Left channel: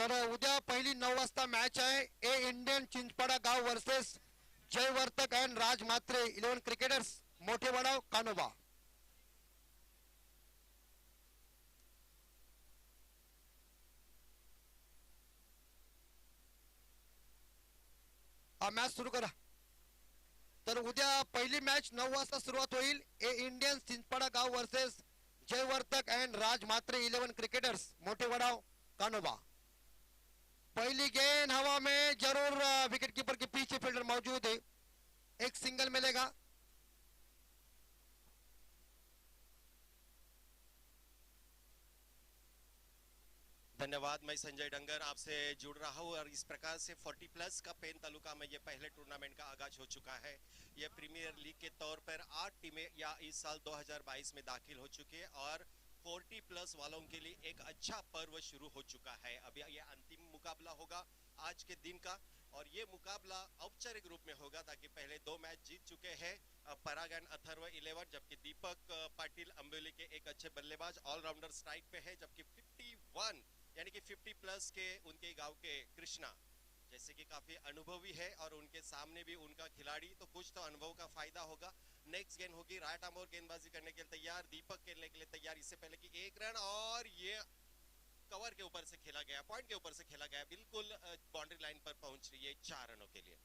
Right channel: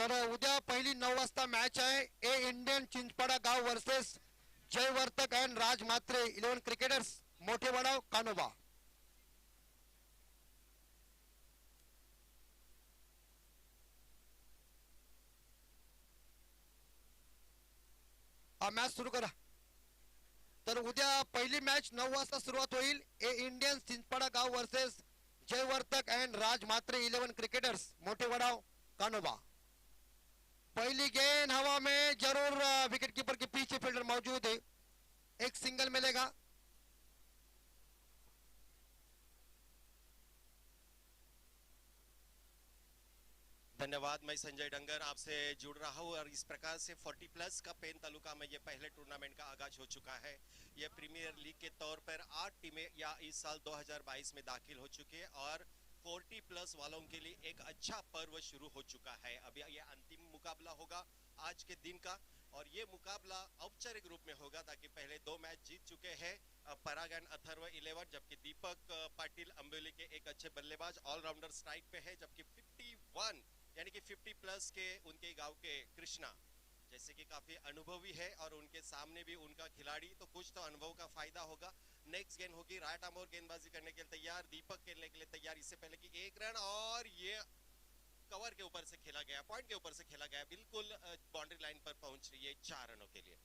तर उद्या पहिली 9 वाजता मॅच आहे. ए इंडियन चिंचपाडा गाव versus Jaivartak and Raj Mhatre 11 cricketers मोठे वडाव कानोबा. हा मॅच सुरू करा. तर उद्या पहिली मॅच 9 वाजता सुरुवात होईल. ए इंडियन चिंचपाडा गाव versus Jaivartak and Raj Mhatre 11 cricketers मोठे वडाव कानोबा. पहली गेंद हवा में जरूर विकेट कीपर के पीछे फील्डर मौजूद है. एक सिंगल मिलेगा. धन्यवाद. मैं संजय डंगर आपसे जुड़ रहा हूं और इस प्रकार से 40 प्लस का पेन तालुका में ये पहले टूर्नामेंट का आगाज हो चुका है. ये प्रीमियर लीग के तौर पर 8 टीमें या इस साल 2022 में दाखिल हो चुकी है और 40 प्लस वालों के लिए एक अच्छा पर्व शुरू हो चुका है. अभी ये अंतिम मुकाबला होगा आज के दिन का और ये मुकाबला औपचारिक रूप में होगा ताकि पहले 2 मैच जीत चुके हैं पराग एंड अथर्व 11, जबकि दीपक पाटिल अंबोली के एक अच्छे बल्लेबाज ऑलराउंडर स्ट्राइक पे है, जबकि 51 यानी कि 50 प्लस के उनके गांव के कृष्णा जैसे कि काफी अनुभवी है और उनके सामने भी उनका खिलाड़ी, तो कुछ तो अनुभव का फायदा होगा. नेक्स्ट गेंद होगी राइट आर्म और गेंदबाजी करने के लिए तैयार, दीपक खेलने के लिए तैयार. इससे पहले कि 1 रन और ये कवर के ऊपर से खेला गया, पॉइंट के ऊपर से खेला गया, बिल्कुल बाउंड्री लाइन पर पहुंच रही है 4 रनों के लिए.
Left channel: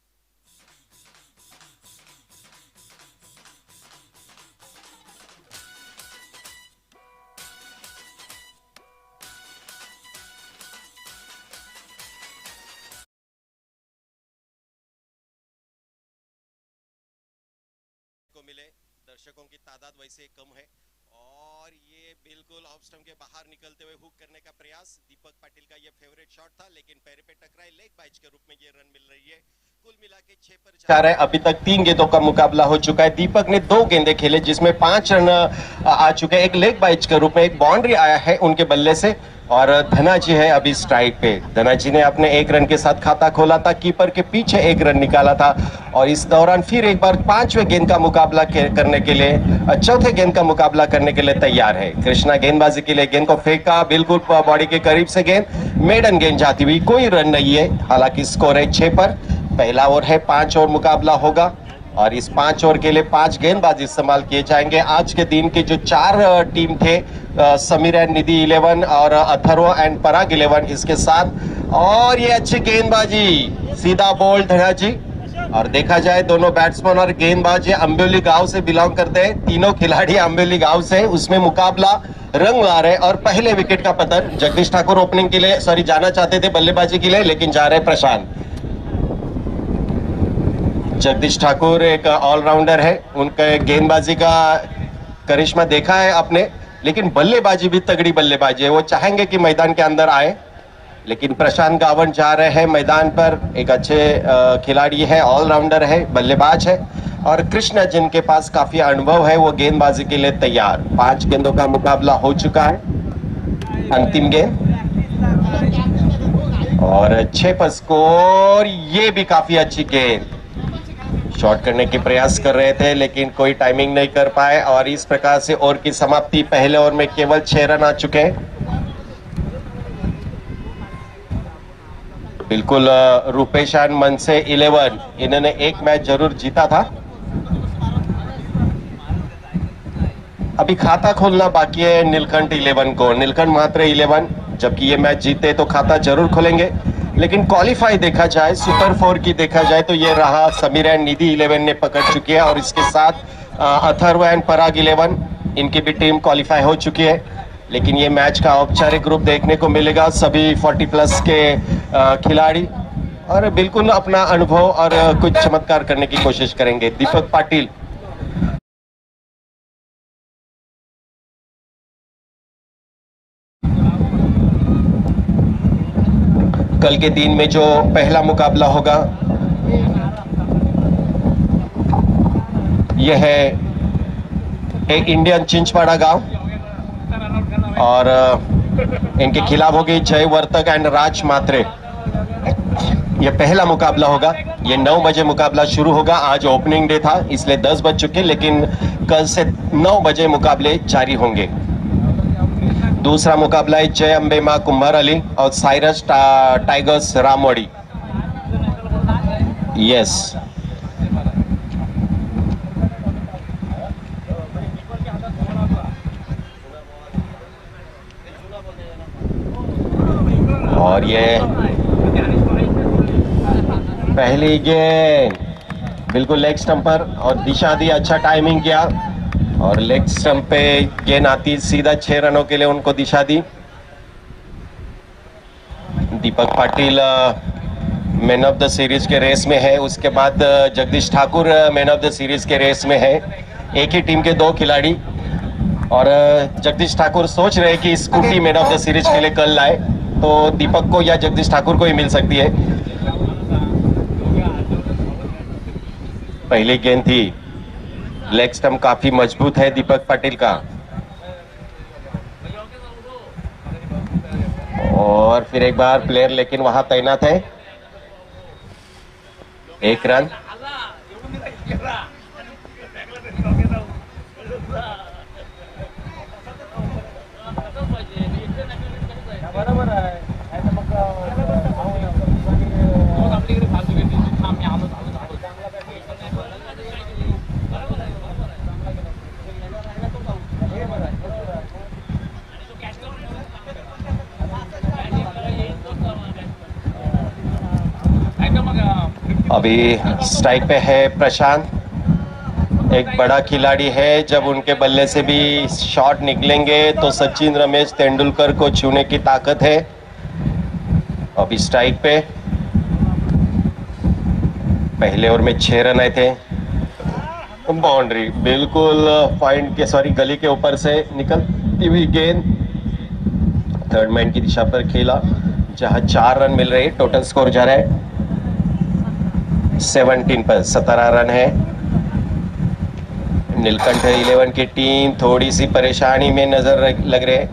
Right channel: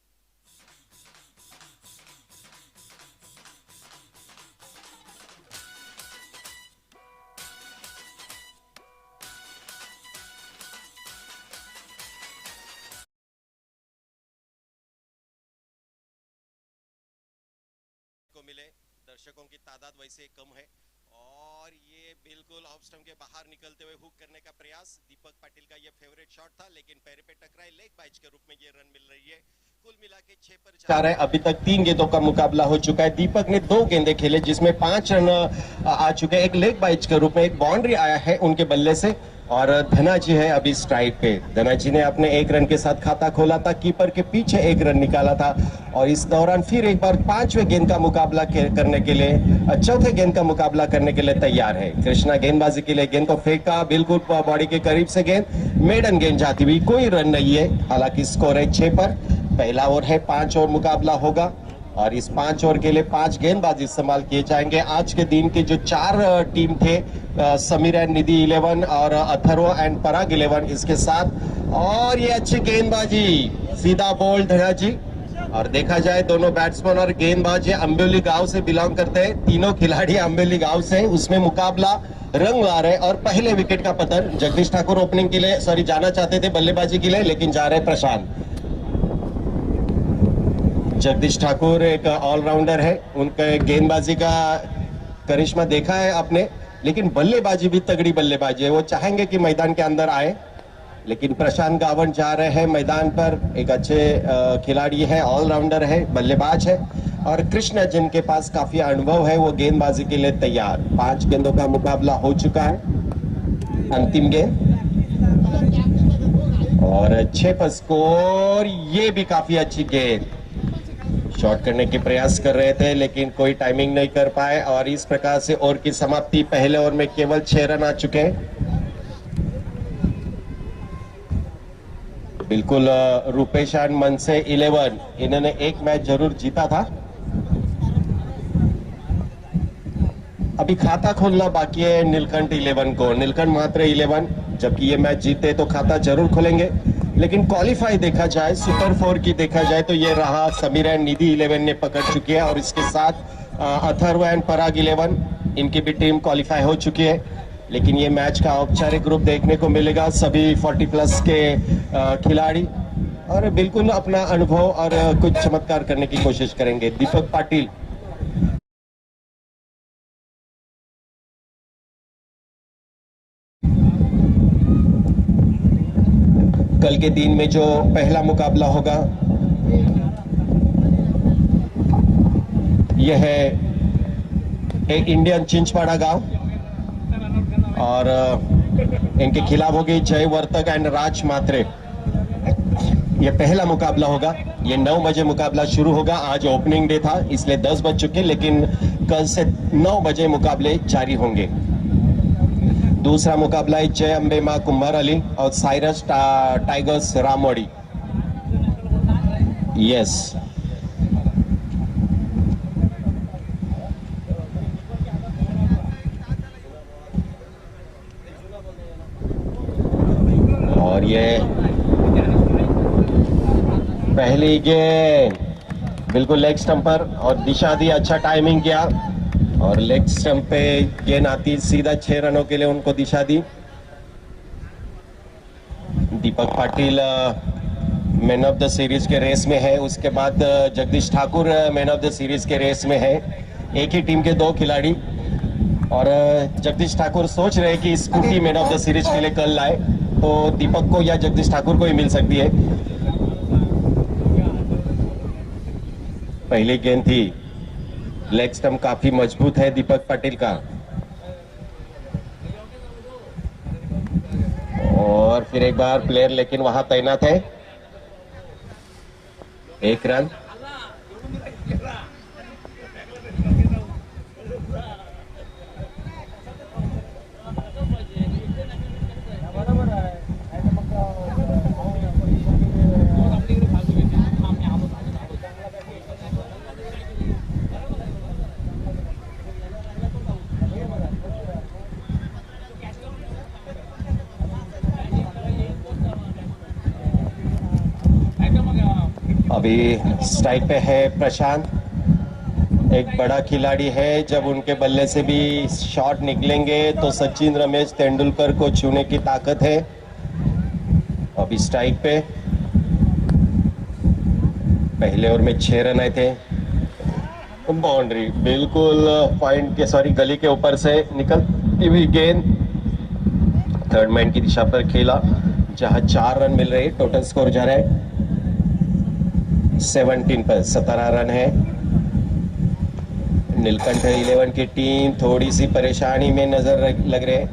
को मिले दर्शकों की तादाद वैसे कम है और ये बिल्कुल ऑफ स्टंप के बाहर निकलते हुए हुक करने का प्रयास. दीपक पाटिल का ये फेवरेट शॉट था लेकिन पैर पे टकराए, लेग बाइज के रूप में ये रन मिल रही है. कुल मिला के 6 पर 4 है. अभी तक 3 गेंदों का मुकाबला हो चुका है. दीपक ने 2 गेंदे खेले जिसमें 5 रन आ चुके हैं. एक लेग बाइज के रूप में एक बाउंड्री आया है उनके बल्ले से और धनाजी है अभी स्ट्राइक पे. धनाजी ने अपने 1 रन के साथ खाता खोला था, कीपर के पीछे 1 रन निकाला था और इस दौरान फिर एक बार 5वें गेंद का मुकाबला करने के लिए, 4थे गेंद का मुकाबला करने के लिए तैयार है. कृष्णा गेंदबाजी के लिए गेंद को फेंका, बिल्कुल बॉडी के करीब से गेंद, मेडन गेंद जाती हुई, कोई रन नहीं है. हालांकि स्कोर है 6 पर. पहला ओवर है, 5 ओवर मुकाबला होगा और इस 5 ओवर के लिए 5 गेंदबाज इस्तेमाल किए जाएंगे. आज के दिन के जो 4 टीम थे, समीर एंड निधि 11 और अथर्व एंड पराग 11 इसके साथ, और ये अच्छी गेंदबाजी, सीधा बॉल धनाजी. और देखा जाए दोनों बैट्समैन और गेंदबाज अंबोली गांव से बिलोंग करते हैं. तीनों खिलाड़ी अंबोली गांव से, उसमें मुकाबला रंग ला रहे. और पहले विकेट का पतन. जगदीश ठाकुर ओपनिंग के लिए जाना चाहते थे बल्लेबाजी के लिए, लेकिन जा रहे प्रशांत. जगदीश ठाकुर एक ऑलराउंडर है, उनके गेंदबाजी का करिश्मा देखा है आपने, लेकिन बल्लेबाजी भी तगड़ी बल्लेबाजी है. वो चाहेंगे कि मैदान के अंदर आए, लेकिन प्रशांत गावन जा रहे हैं मैदान पर. एक अच्छे खिलाड़ी है, ऑलराउंडर है, बल्लेबाज है और कृष्णा जिनके पास काफी अनुभव है वो गेंदबाजी के लिए तैयार. 5 गेंदों का मुकाबला हो चुका है. अंतिम गेंद और 6 पर स्कोर. ये भी काफी अच्छी गेंद, शॉट करने के प्रयास कर रहे थे लेकिन कोई टाइमिंग नहीं कर पाए और इस प्रकार से ओवर की समाप्ति. पहले ओवर में केवल 6 रन आ चुके हैं. बिल्कुल रूपेश एंड मनसे 11, इन्होंने एक मैच जरूर जीता था. अभी खाता खोलना बाकी है नीलकंठ 11 को. नीलकंठ म्हात्रे 11 जबकि ये मैच जीते तो खाता जरूर खोलेंगे, लेकिन क्वालिफाई देखा जाए, सुपर 4 की देखा जाए तो ये रहा समीर एंड निधि 11 ने पकड़ चुकी है और इसके साथ अथर्व एंड पराग 11 इनकी भी टीम क्वालिफाई हो चुकी है. लेकिन ये मैच का औपचारिक रूप देखने को मिलेगा. सभी 40 प्लस के खिलाड़ी और बिल्कुल अपना अनुभव और कुछ चमत्कार करने की कोशिश करेंगे. दीपक पाटिल कल के दिन में जो पहला मुकाबला होगा यह है एक इंडियन चिंचपाड़ा गांव और इनके खिलाफ होगी जयवर्तक एंड राज म्हात्रे. यह पहला मुकाबला होगा. ये 9 बजे मुकाबला शुरू होगा. आज ओपनिंग डे था इसलिए 10 बज चुके, लेकिन कल से 9 बजे मुकाबले जारी होंगे. दूसरा मुकाबला है जय अंबे मां कुंभार अली और साइरस टाइगर्स रामवाड़ी। यस, और ये पहली गेंद बिल्कुल लेग स्टंप पर और दिशा दी, अच्छा टाइमिंग किया और लेग स्टंप पे गेंद आती सीधा 6 रनों के लिए उनको दिशा दी। Deepak Patil man of the series के रेस में है, उसके बाद Jagdish Thakur man of the series के रेस में है। एक ही टीम के 2 खिलाड़ी और जगदीश ठाकुर सोच रहे हैं कि scooty man of the series के लिए कल लाए तो दीपक को या जगदीश ठाकुर को ही मिल सकती है। पहली गेंद थी, लेग स्टंप काफी मजबूत है दीपक पाटिल का और फिर एक बार प्लेयर लेकिन वहां तैनात है। 1 रन। अभी स्ट्राइक पे है प्रशांत, एक बड़ा खिलाड़ी है, जब उनके बल्ले से भी शॉट निकलेंगे तो सचिन रमेश तेंदुलकर को छूने की ताकत है। अभी स्ट्राइक पे, पहले ओवर में 6 रन आए थे। बाउंड्री बिल्कुल पॉइंट के गली के ऊपर से निकलती हुई गेंद थर्ड मैन की दिशा पर खेला, जहां 4 रन मिल रहे। टोटल स्कोर जा रहा है 17 पर 17 रन है। नीलकंठ 11 की टीम थोड़ी सी परेशानी में नजर लग रहे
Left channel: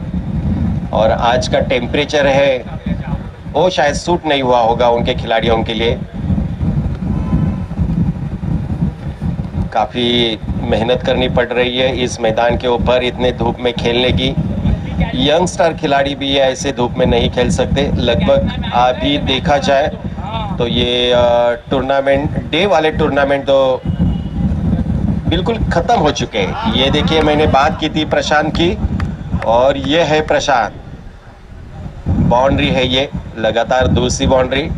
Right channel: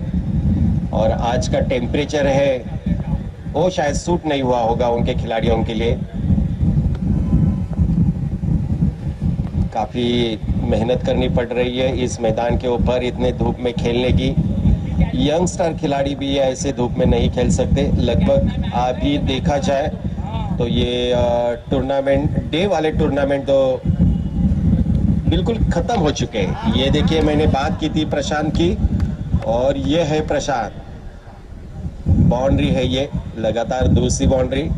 और आज का टेम्परेचर है वो शायद सूट नहीं हुआ होगा उनके खिलाड़ियों के लिए। काफी मेहनत करनी पड़ रही है इस मैदान के ऊपर, इतने धूप में खेलने की। यंगस्टर खिलाड़ी भी ऐसे धूप में नहीं खेल सकते। लगभग अभी देखा जाए तो ये टूर्नामेंट, डे वाले टूर्नामेंट तो बिल्कुल खत्म हो चुके हैं। ये देखिए, मैंने बात की थी प्रशांत की और ये है प्रशांत। बाउंड्री है ये, लगातार दूसरी बाउंड्री।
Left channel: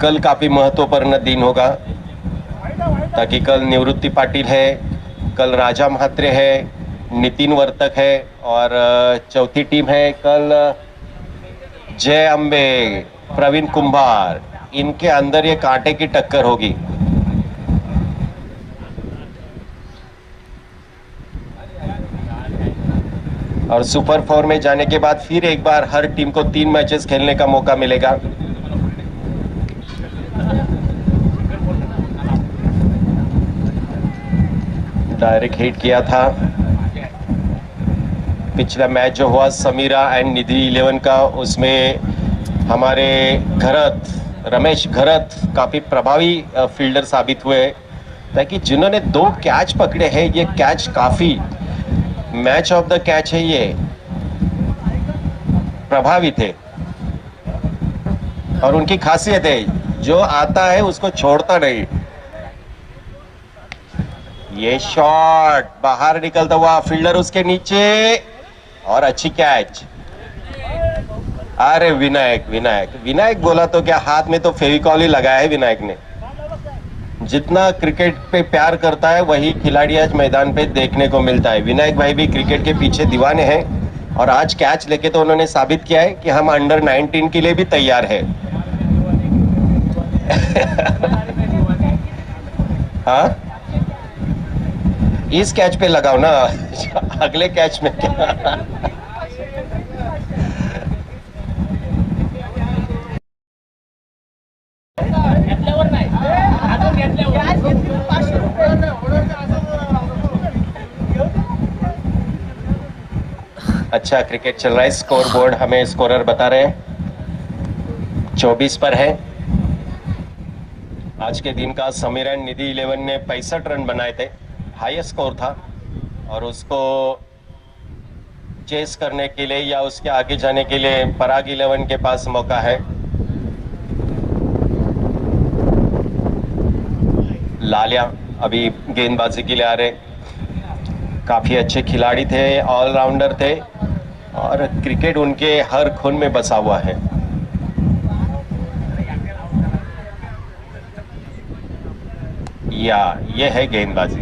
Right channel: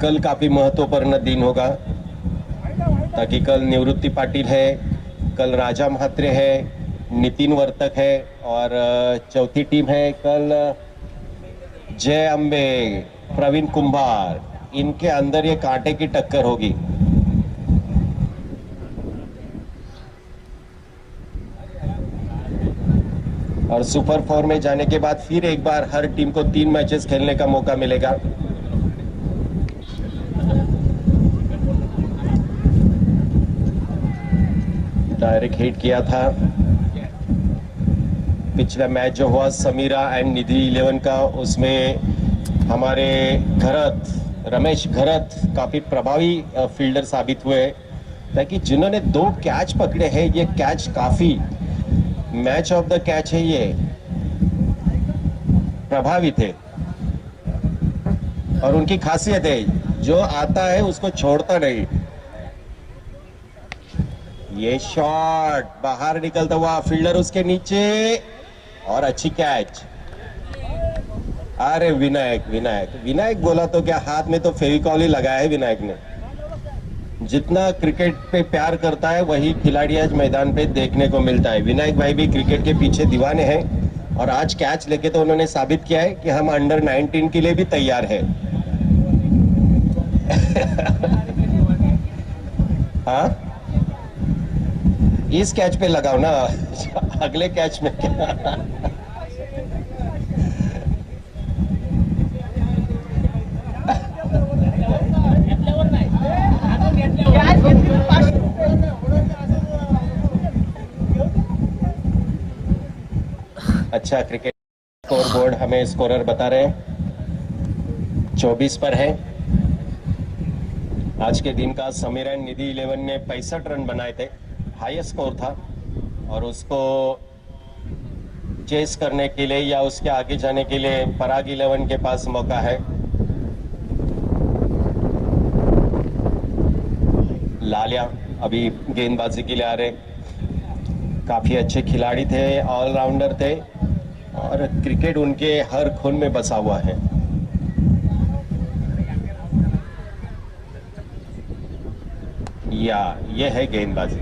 कल काफी महत्वपूर्ण दिन होगा, ताकि कल निवृत्ति पाटिल है, कल राजा म्हात्रे है, नितिन वर्तक है और चौथी टीम है कल जय अंबे, प्रवीण कुंभार। इनके अंदर ये कांटे की टक्कर होगी। और सुपर 4 में जाने के बाद फिर एक बार हर टीम को 3 मैचेस खेलने का मौका मिलेगा। डायरेक्ट हिट किया था पिछला मैच जो हुआ समीरा एंड निधि 11 का, उसमें हमारे रमेश घरत काफी प्रभावी फील्डर साबित हुए, ताकि जिन्होंने 2 कैच पकड़े हैं, ये कैच काफी मैच ऑफ द कैच है, ये प्रभावी थे। और उनकी खासियत है, जो आता है उसको छोड़ता नहीं। ये शॉट बाहर निकलता हुआ, फील्डर उसके नीचे और अच्छी कैच। अरे विनायक बोला तो क्या, हाथ में तो फेविकॉल ही लगाया है विनायक ने। जितना क्रिकेट पे प्यार करता है वही खिलाड़ी आज मैदान पे देखने को मिलता है। विनायक भाई भी क्रिकेट के पीछे दीवाने हैं और आज कैच लेके तो उन्होंने साबित किया है कि हम अंडर 19 के लिए भी तैयार है। हाँ, इस कैच पे लगाओ ना, अगले कैच में क्या। अच्छा क्रिकेट चल रहा है। स्कोर बोर्ड हमें स्कोरर बता रहे हैं 24 पर है। आज के दिन का समीर एंड निधि 11 ने 65 रन बनाए थे, हाईएस्ट स्कोर था, और उसको चेस करने के लिए या उसके आगे जाने के लिए पराग 11 के पास मौका है। लालिया अभी गेंदबाजी के लिए आ रहे, काफी अच्छे खिलाड़ी थे, ऑलराउंडर थे, और क्रिकेट उनके हर खून में बसा हुआ है। या ये है गेंदबाजी,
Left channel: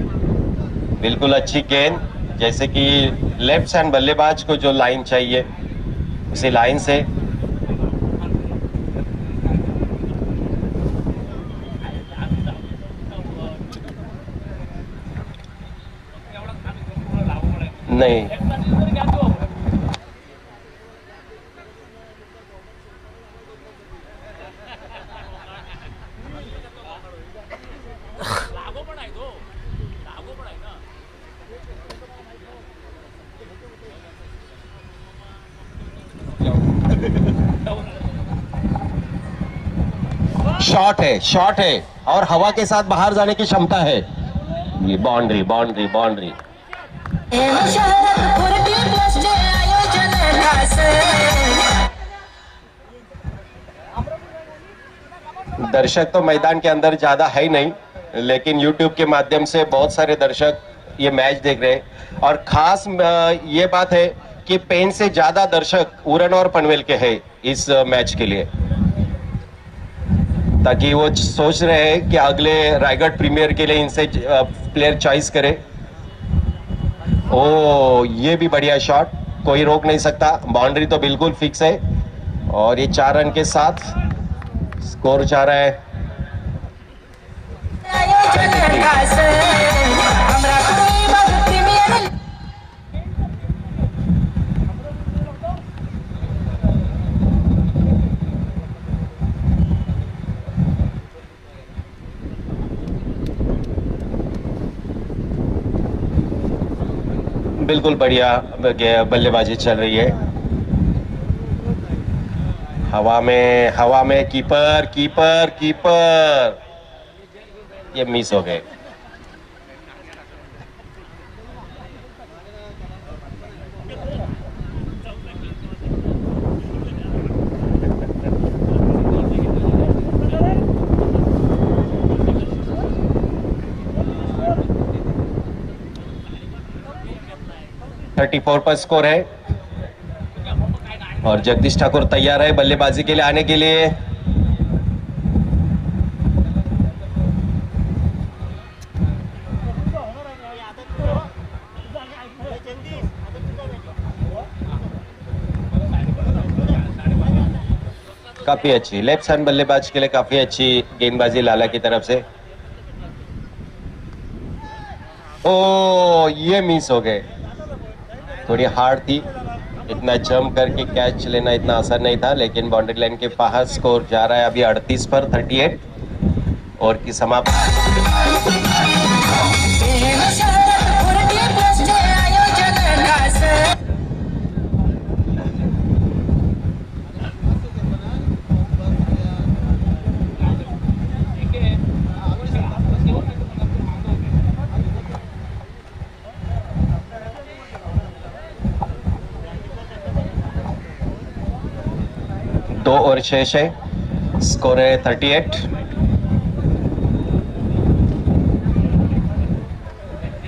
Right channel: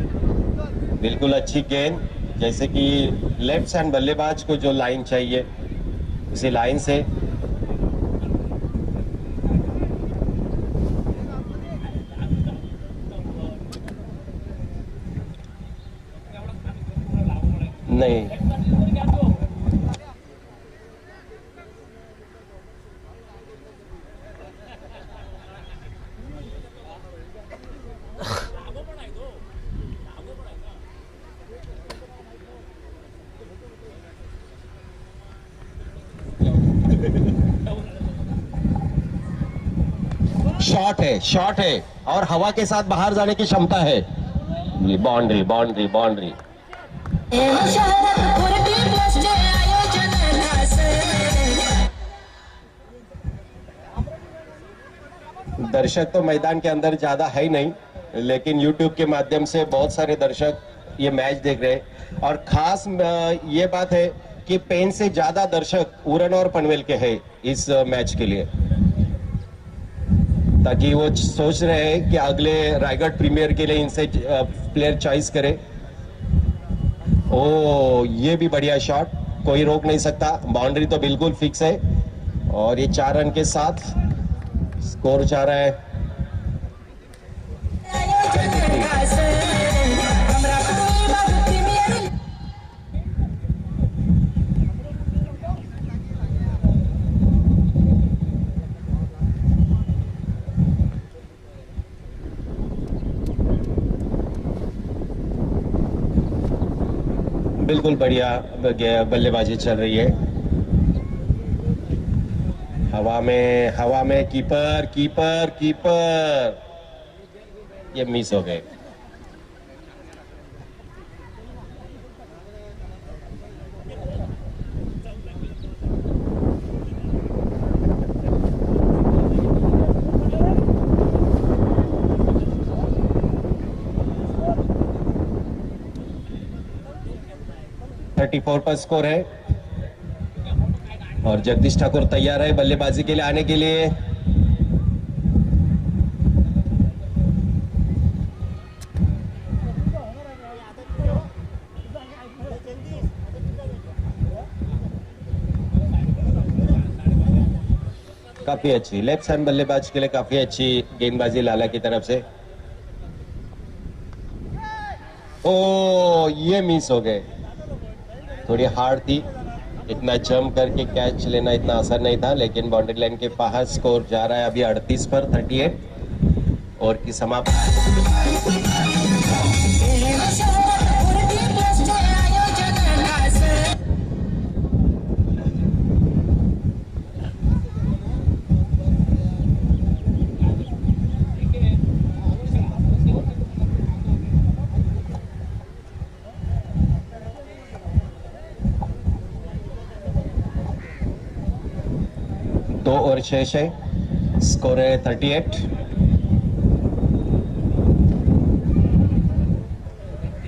बिल्कुल अच्छी गेंद, जैसे कि लेफ्ट हैंड बल्लेबाज को जो लाइन चाहिए उसी लाइन से। नहीं, शॉट है और हवा के साथ बाहर जाने की क्षमता है। ये बाउंड्री बाउंड्री बाउंड्री। दर्शक तो मैदान के अंदर ज्यादा है ही नहीं, लेकिन YouTube के माध्यम से बहुत सारे दर्शक ये मैच देख रहे हैं, और खास ये बात है कि पेन से ज्यादा दर्शक उरण और पनवेल के हैं इस मैच के लिए, ताकि वो सोच रहे हैं कि अगले रायगढ़ प्रीमियर के लिए इनसे प्लेयर चॉइस करे। ओ ये भी बढ़िया शॉट, कोई रोक नहीं सकता, बाउंड्री तो बिल्कुल फिक्स है, और ये 4 रन के साथ स्कोर जा रहा है। बिल्कुल बढ़िया बल्लेबाजी चल रही है। हवा में कीपर कीपर कीपर, ये मिस हो गए। .34 पर स्कोर है, और जगदीश ठाकुर तैयार है बल्लेबाजी के लिए आने के लिए। काफी अच्छी लेफ्ट हैंड बल्लेबाज के लिए काफी अच्छी गेंदबाजी लाला की तरफ से। ओ ये मिस हो गए, थोड़ी हार्ड थी, इतना जंप करके कैच लेना इतना आसान नहीं था, लेकिन बाउंड्री लाइन के बाहर स्कोर जा रहा है अभी 38 पर 38, और की समाप्ति। दो और 6 है, स्कोर है 38।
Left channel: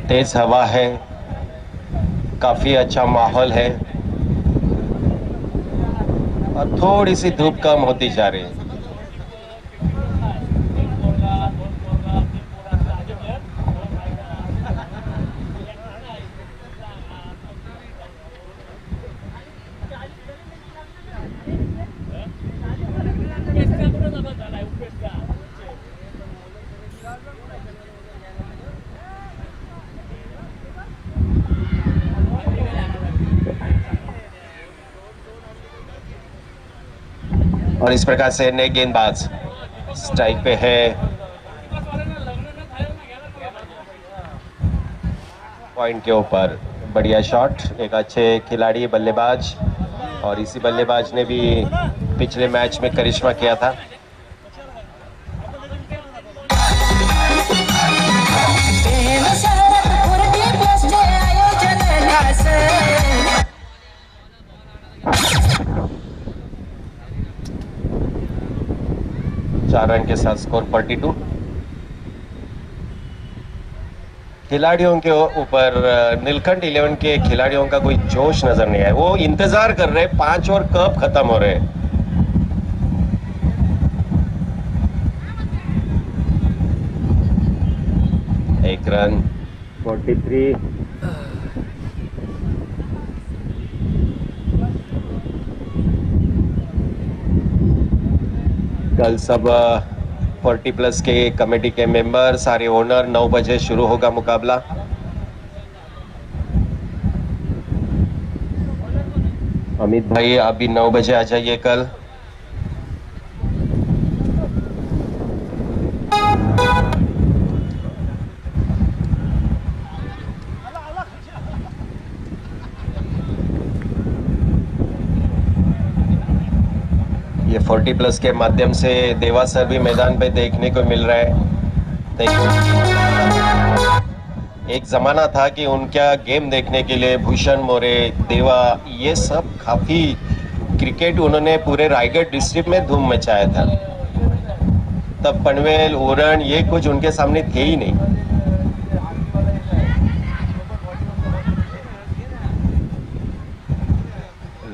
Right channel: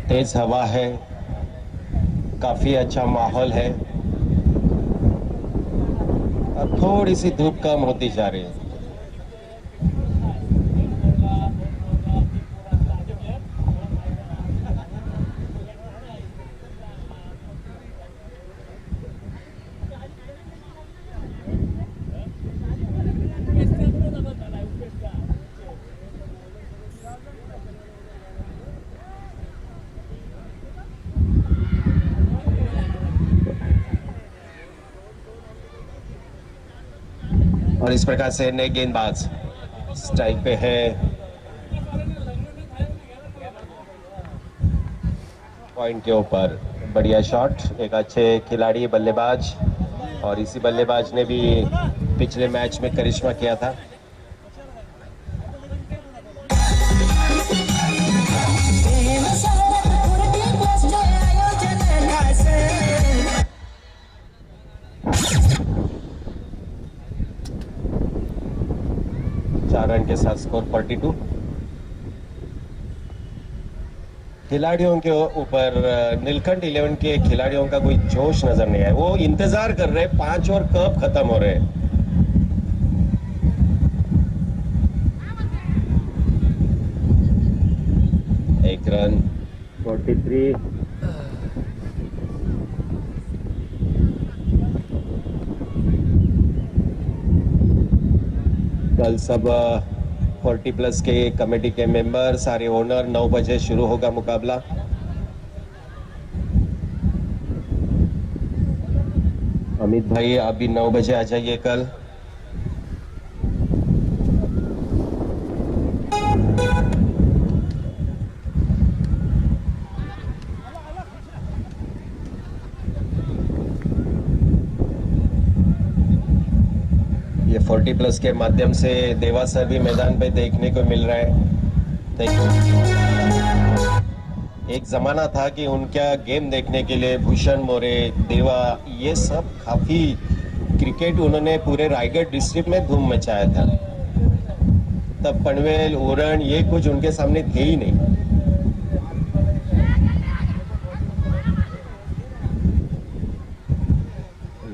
तेज हवा है, काफी अच्छा माहौल है, और थोड़ी सी धूप कम होती जा रही है। और इस प्रकार से नए गेंदबाज स्ट्राइक पे है, पॉइंट के ऊपर बढ़िया शॉट, एक अच्छे खिलाड़ी बल्लेबाज, और इसी बल्लेबाज ने भी पिछले मैच में करिश्मा किया था। चार रन के साथ स्कोर 42। खिलाड़ियों के ऊपर नीलकंठ 11 के खिलाड़ियों का कोई जोश नजर नहीं आया। वो इंतजार कर रहे 5 ओवर कब खत्म हो रहे। एक रन, 43। कल सब 40+ के कमेटी के मेंबर, सारे ओनर, 9 बजे शुरू होगा मुकाबला। अमित भाई आप भी 9 बजे आ जाइए कल। ये 40+ के माध्यम से देवा सर भी मैदान पे देखने को मिल रहा है। एक जमाना था कि उनका गेम देखने के लिए भूषण मोरे, देवा, ये सब काफी क्रिकेट उन्होंने पूरे रायगढ़ डिस्ट्रिक्ट में धूम मचाया था। तब पनवेल, उरण ये कुछ उनके सामने थे ही नहीं।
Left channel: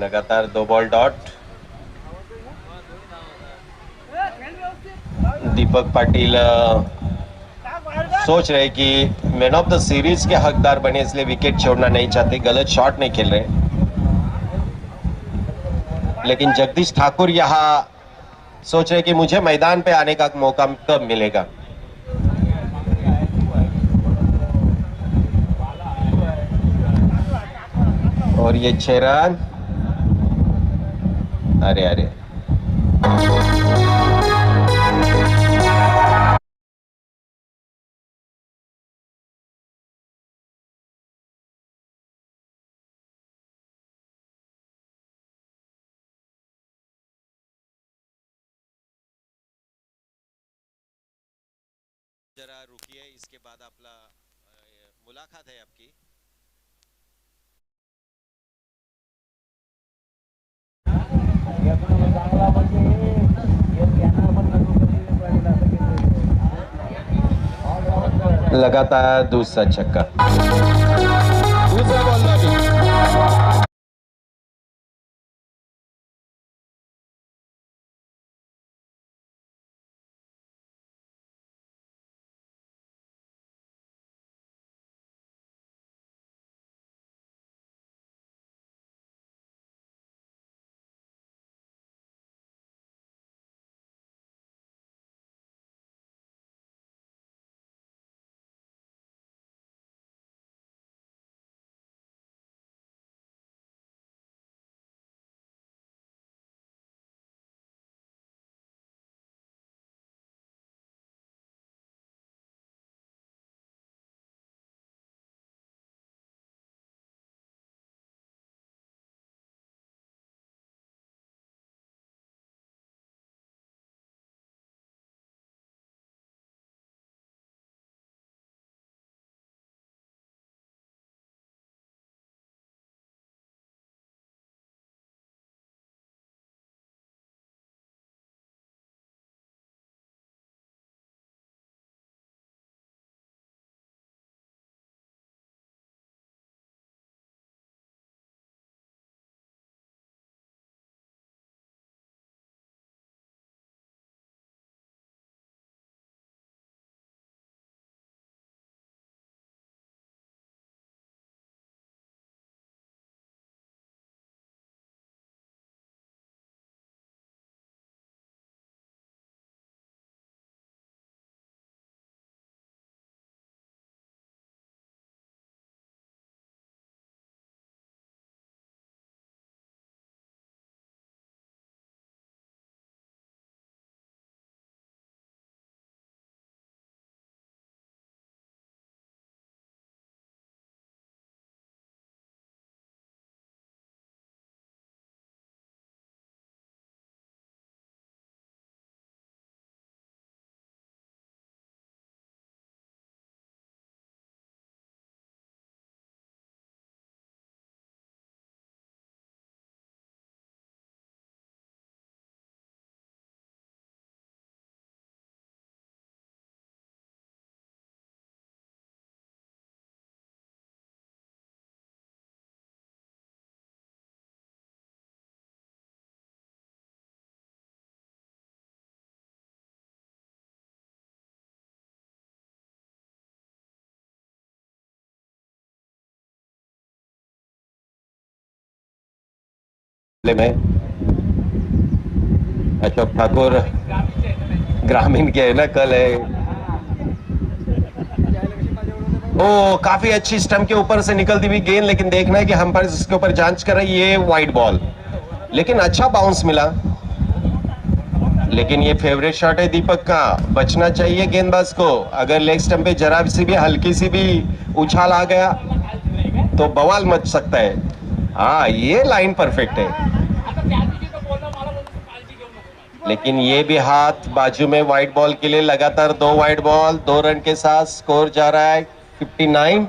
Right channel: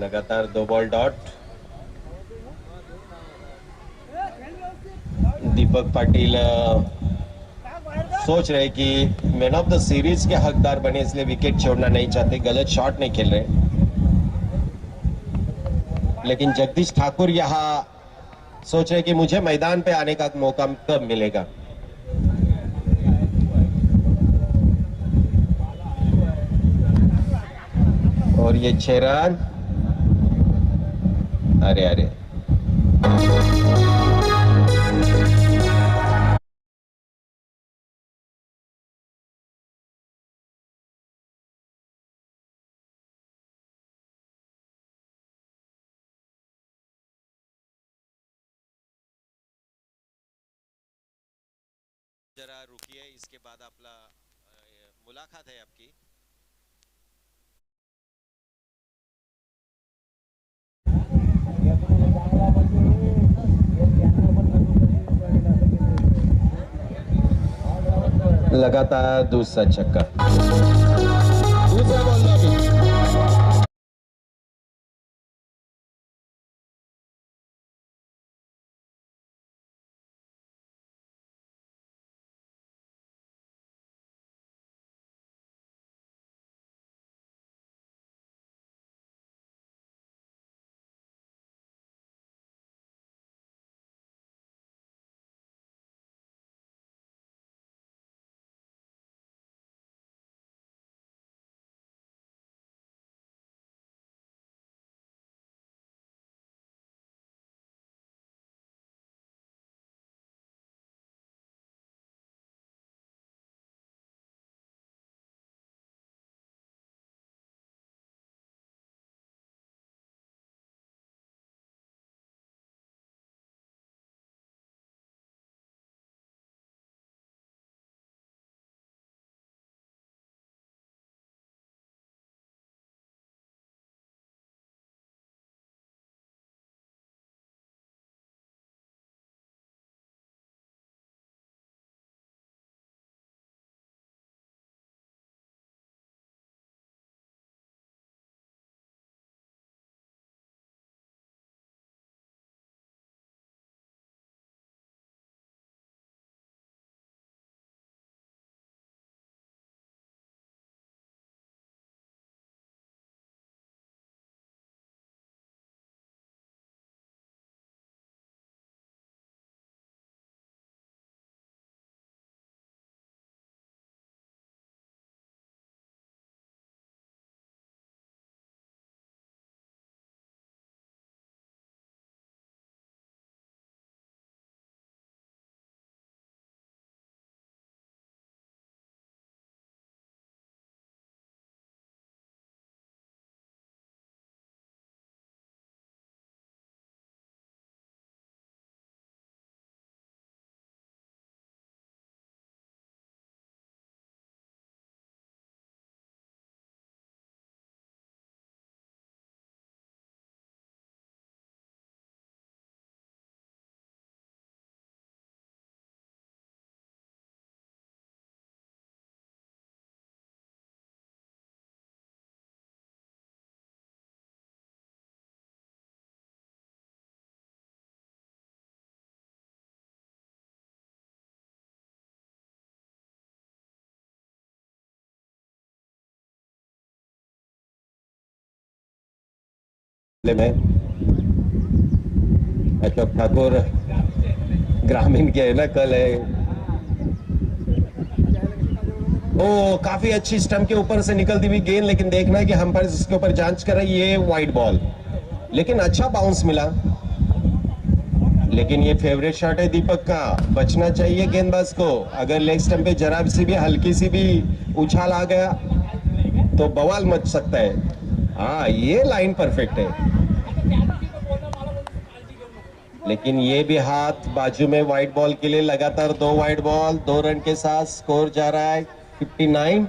लगातार 2 बॉल डॉट। दीपक पाटिल सोच रहे कि मैन ऑफ द सीरीज के हकदार बने, इसलिए विकेट छोड़ना नहीं चाहते, गलत शॉट नहीं खेल रहे। लेकिन जगदीश ठाकुर यहां सोच रहे कि मुझे मैदान पे आने का मौका कब मिलेगा। और ये 6 रन। अरे अरे, जरा रुकिए, इसके बाद आपला मुलाकात है आपकी। लगातार दूसरा छक्का। दूसरा बॉल में भी में अशोक ठाकुर ग्रामीण के है ना, कल है। ओ काफी अच्छी स्टंप के ऊपर से निकलती हुई गेंद, लेकिन देखना है कि अंपायर इसके ऊपर जांच कर रही है। ये वाइड बॉल, लेकिन अच्छा बाउंस मिला। लेकिन ये फेवरेट शॉट है दीपक का, बचना चाहिए गेंदबाज को। अगर लेग स्टंप पे जरा सी भी हल्की सी भी उछाल आ गया तो बवाल मच सकता है। हाँ, ये लाइन परफेक्ट है, लेकिन ये भी हाथ बाजू में। वाइड बॉल के लिए लगातार 2 वाइड बॉल, 2 रन के साथ स्कोर जा रहा है 59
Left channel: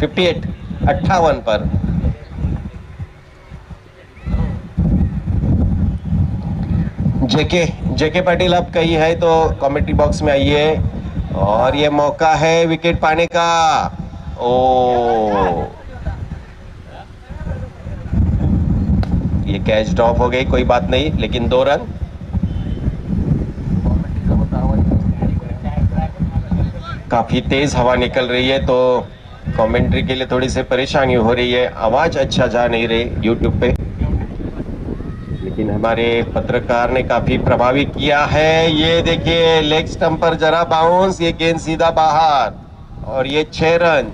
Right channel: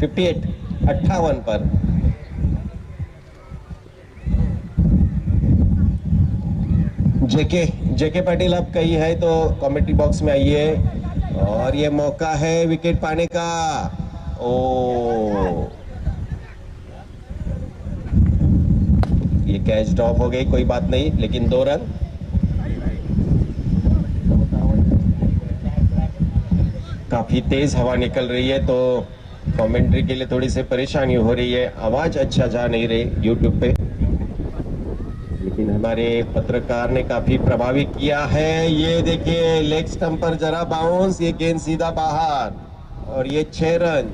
58 58 पर। जेके जेके पाटिल आप कही है तो कमेंट्री बॉक्स में आइए, और ये मौका है विकेट पाने का। ओ, ये कैच ड्रॉप हो गई, कोई बात नहीं, लेकिन 2 रन। काफी तेज हवा निकल रही है तो कमेंट्री के लिए थोड़ी सी परेशानी हो रही है, आवाज अच्छा जा नहीं रही यूट्यूब पे, लेकिन हमारे पत्रकार ने काफी प्रभावित किया है। ये देखिए लेग स्टंप पर जरा बाउंस, ये गेंद सीधा बाहर, और ये 6 रन।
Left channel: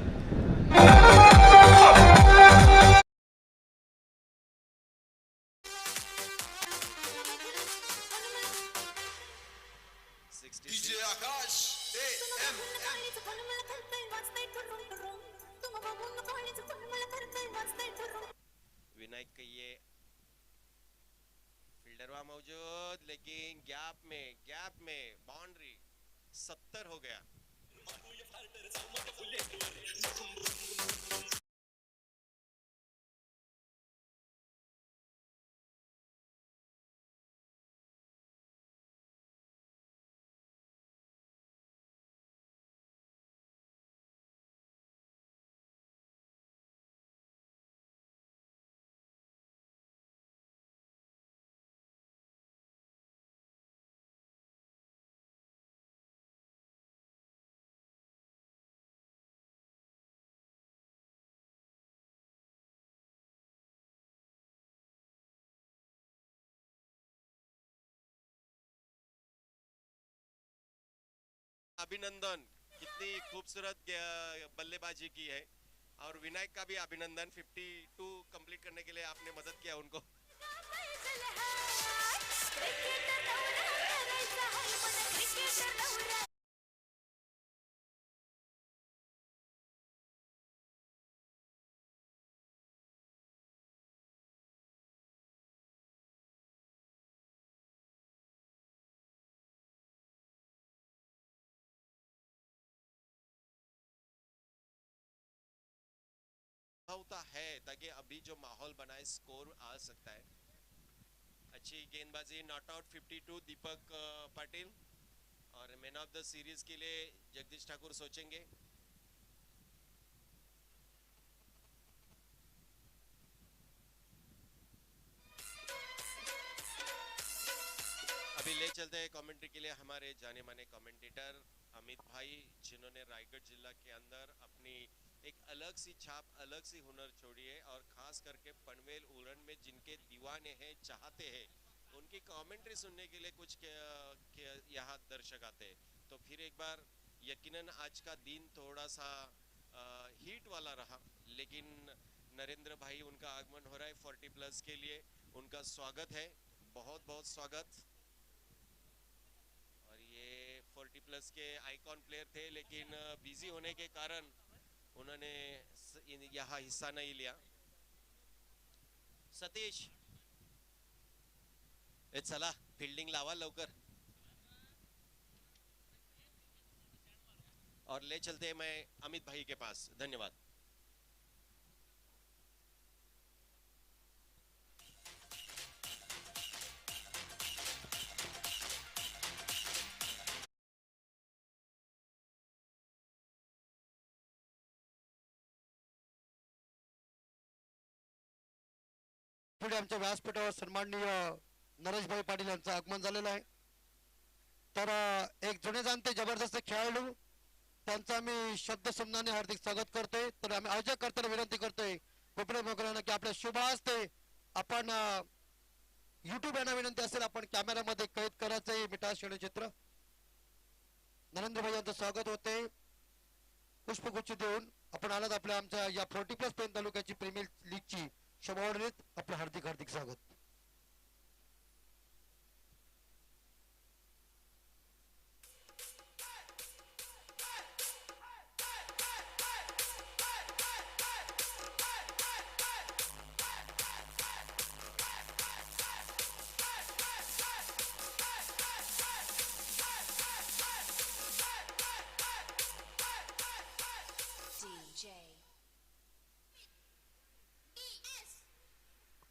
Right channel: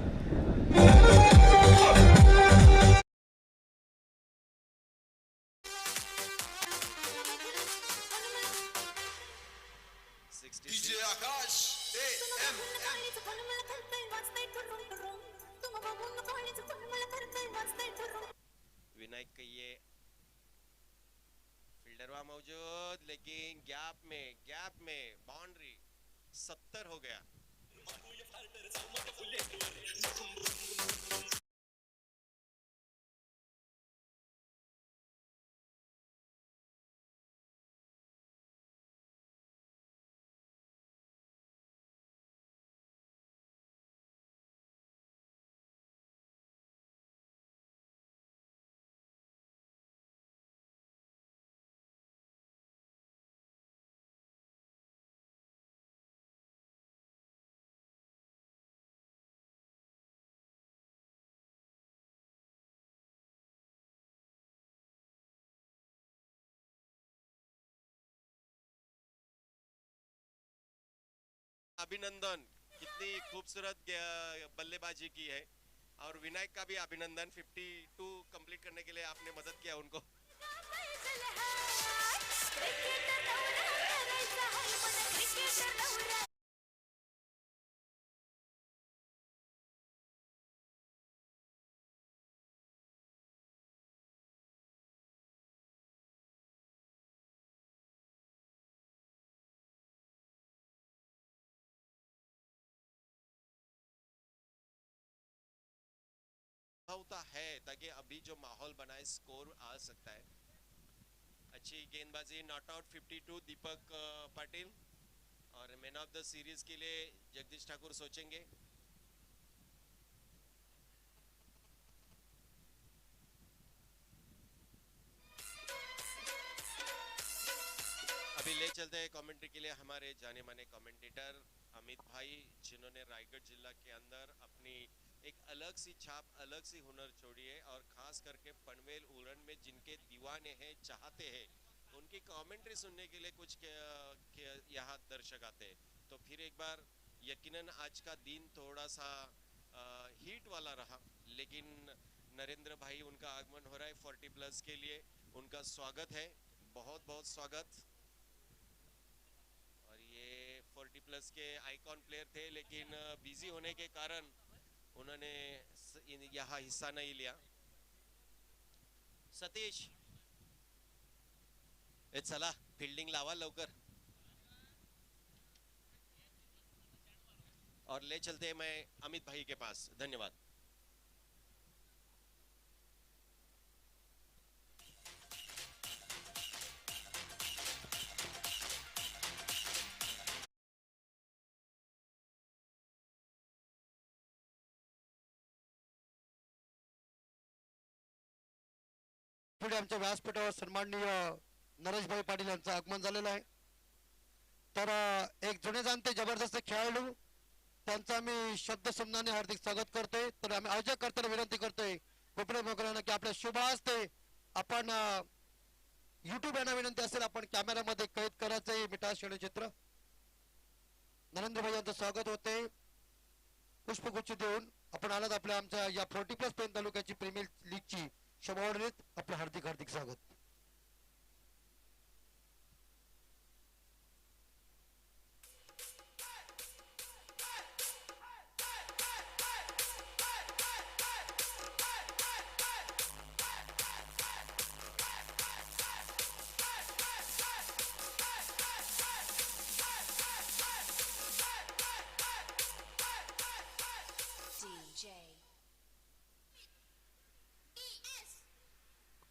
डीजे आकाश विनायक कहिए फील्डरवा मौजूद, लेकिन गैप में बाउंड्री 70 हो गया। अभिनंदन, कितनी खूबसूरत बल्लेबाजी की है, और विनायक का भी अभिनंदन, 52 कंप्लीट करने के लिए आपने मदद किया उनको। होता है ताकि अभी जो माहौल बना है स्कोर आ सकता है। अच्छी गेंदबाजी, नॉट आउट 52 दीपक पाटिल, और मैन ऑफ द सीरीज के लिए जगदीश ठाकुर सोचेंगे। अभी ले चलते हैं कमेंट्री के लिए हमारे जाने माने कमेंटेटर अमित भाई, जिन्होंने रायगढ़ जिला के अंदर अपनी एक अलग सी छाप, अलग सी हुनर छोड़ी है, और खास करके पनवेल उरण में जिनके दीवाने हैं, चाहते हैं, उनकी कमेंट्री सुनने के लिए कुछ यहाँ दर्शक आते हैं। तो फिर एक बार यकीनन आज का दिन थोड़ा सा हीट वाला रहा, लेकिन नरेंद्र भाई, उनका आगमन हो रहा है 40 प्लस के लिए, उनका स्वागत है, बहुत बहुत स्वागत। और ये 40 प्लस के आइकॉन प्लेयर थे, लेकिन बिजी होने के कारण उन्होंने यहाँ हिस्सा नहीं लिया। सतीश, चला फील्डिंग लावा लवकर, और ले चलते हैं मैं अमित भाई के पास। धन्यवाद। पुढे आमच्या व्यासपीठावर सन्माननीय नरेशभाई पाटील यांचं आगमन झालेलं आहे। तर एक जुने जाणते जबरदस्त खेळाडू, त्यांचा आम्ही शब्द समनाने हार्दिक स्वागत करतोय। तर आम्ही आयोजक करताना विनंती करतोय, कोपरे मोकळ्यानं की आपल्या शुभ हस्ते आपण युट्यूब यांना विनंती असेल आपण कॅमेऱ्यामध्ये कैद करायचं हे मिठा चित्र. नरेंद्र भाई यांचं स्वागत होते पुष्पगुच्छ देऊन. आपण आलात आपल्या आमच्या या 40+ पेन तालुक्याची प्रीमियर लीगची शोभावडीत आपलं हार्दिक हार्दिक स्वागत.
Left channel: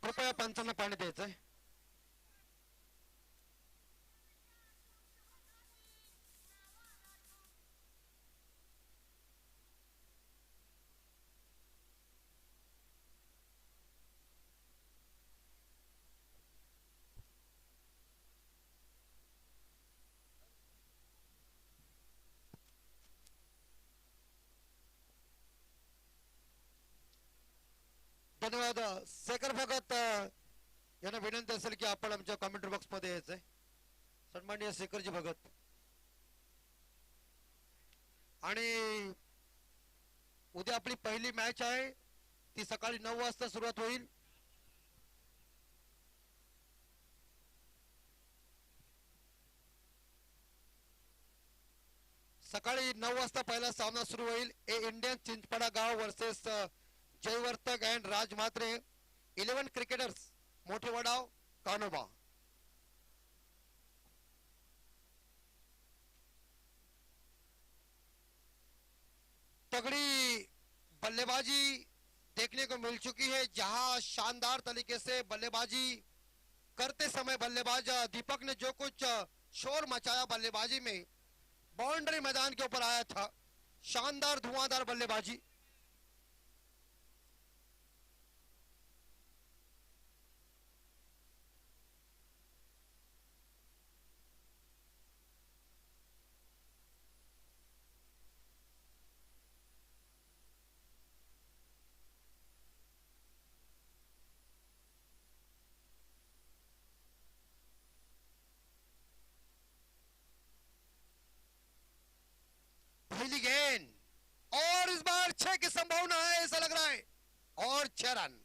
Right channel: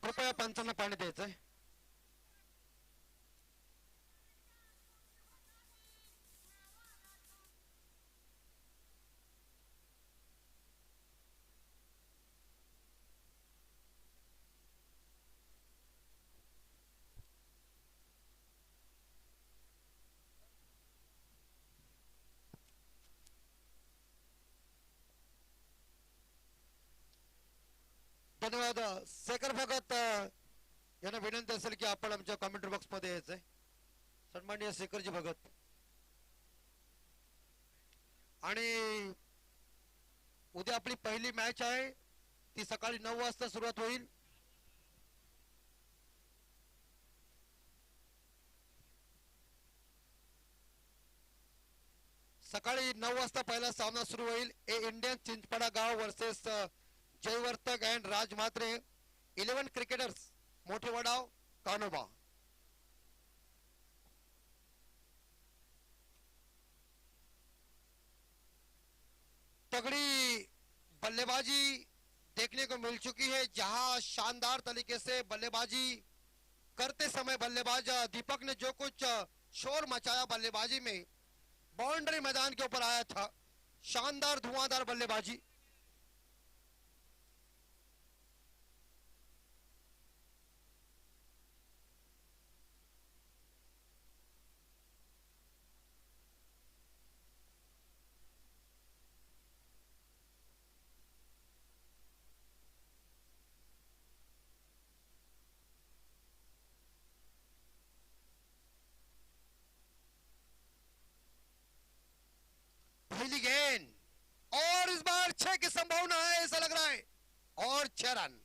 कृपया पंचांना पाणी द्यायचंय. धन्यवाद. शेखर भगत यांना विनंती असेल की आपण आमच्या कमेंट बॉक्स मध्ये यायचंय. सन्माननीय शेखरजी भगत. आणि उद्या आपली पहिली मॅच आहे ती सकाळी 9 वाजता सुरुवात होईल. सकाळी 9 वाजता पहिला सामना सुरू होईल. ए इंडियन चिंचपाडा गाव versus Jaivartak and Raj Mhatre 11 cricketers मोठे वडाव कानोबा. तगड़ी बल्लेबाजी देखने को मिल चुकी है जहां शानदार तरीके से बल्लेबाजी करते समय बल्लेबाज दीपक ने जो कुछ शोर मचाया बल्लेबाजी में, बाउंड्री मैदान के ऊपर आया था. शानदार धुआंधार बल्लेबाजी. पहली गेंद और इस बार 6 की संभावना है ऐसा लग रहा है. और 6 रन.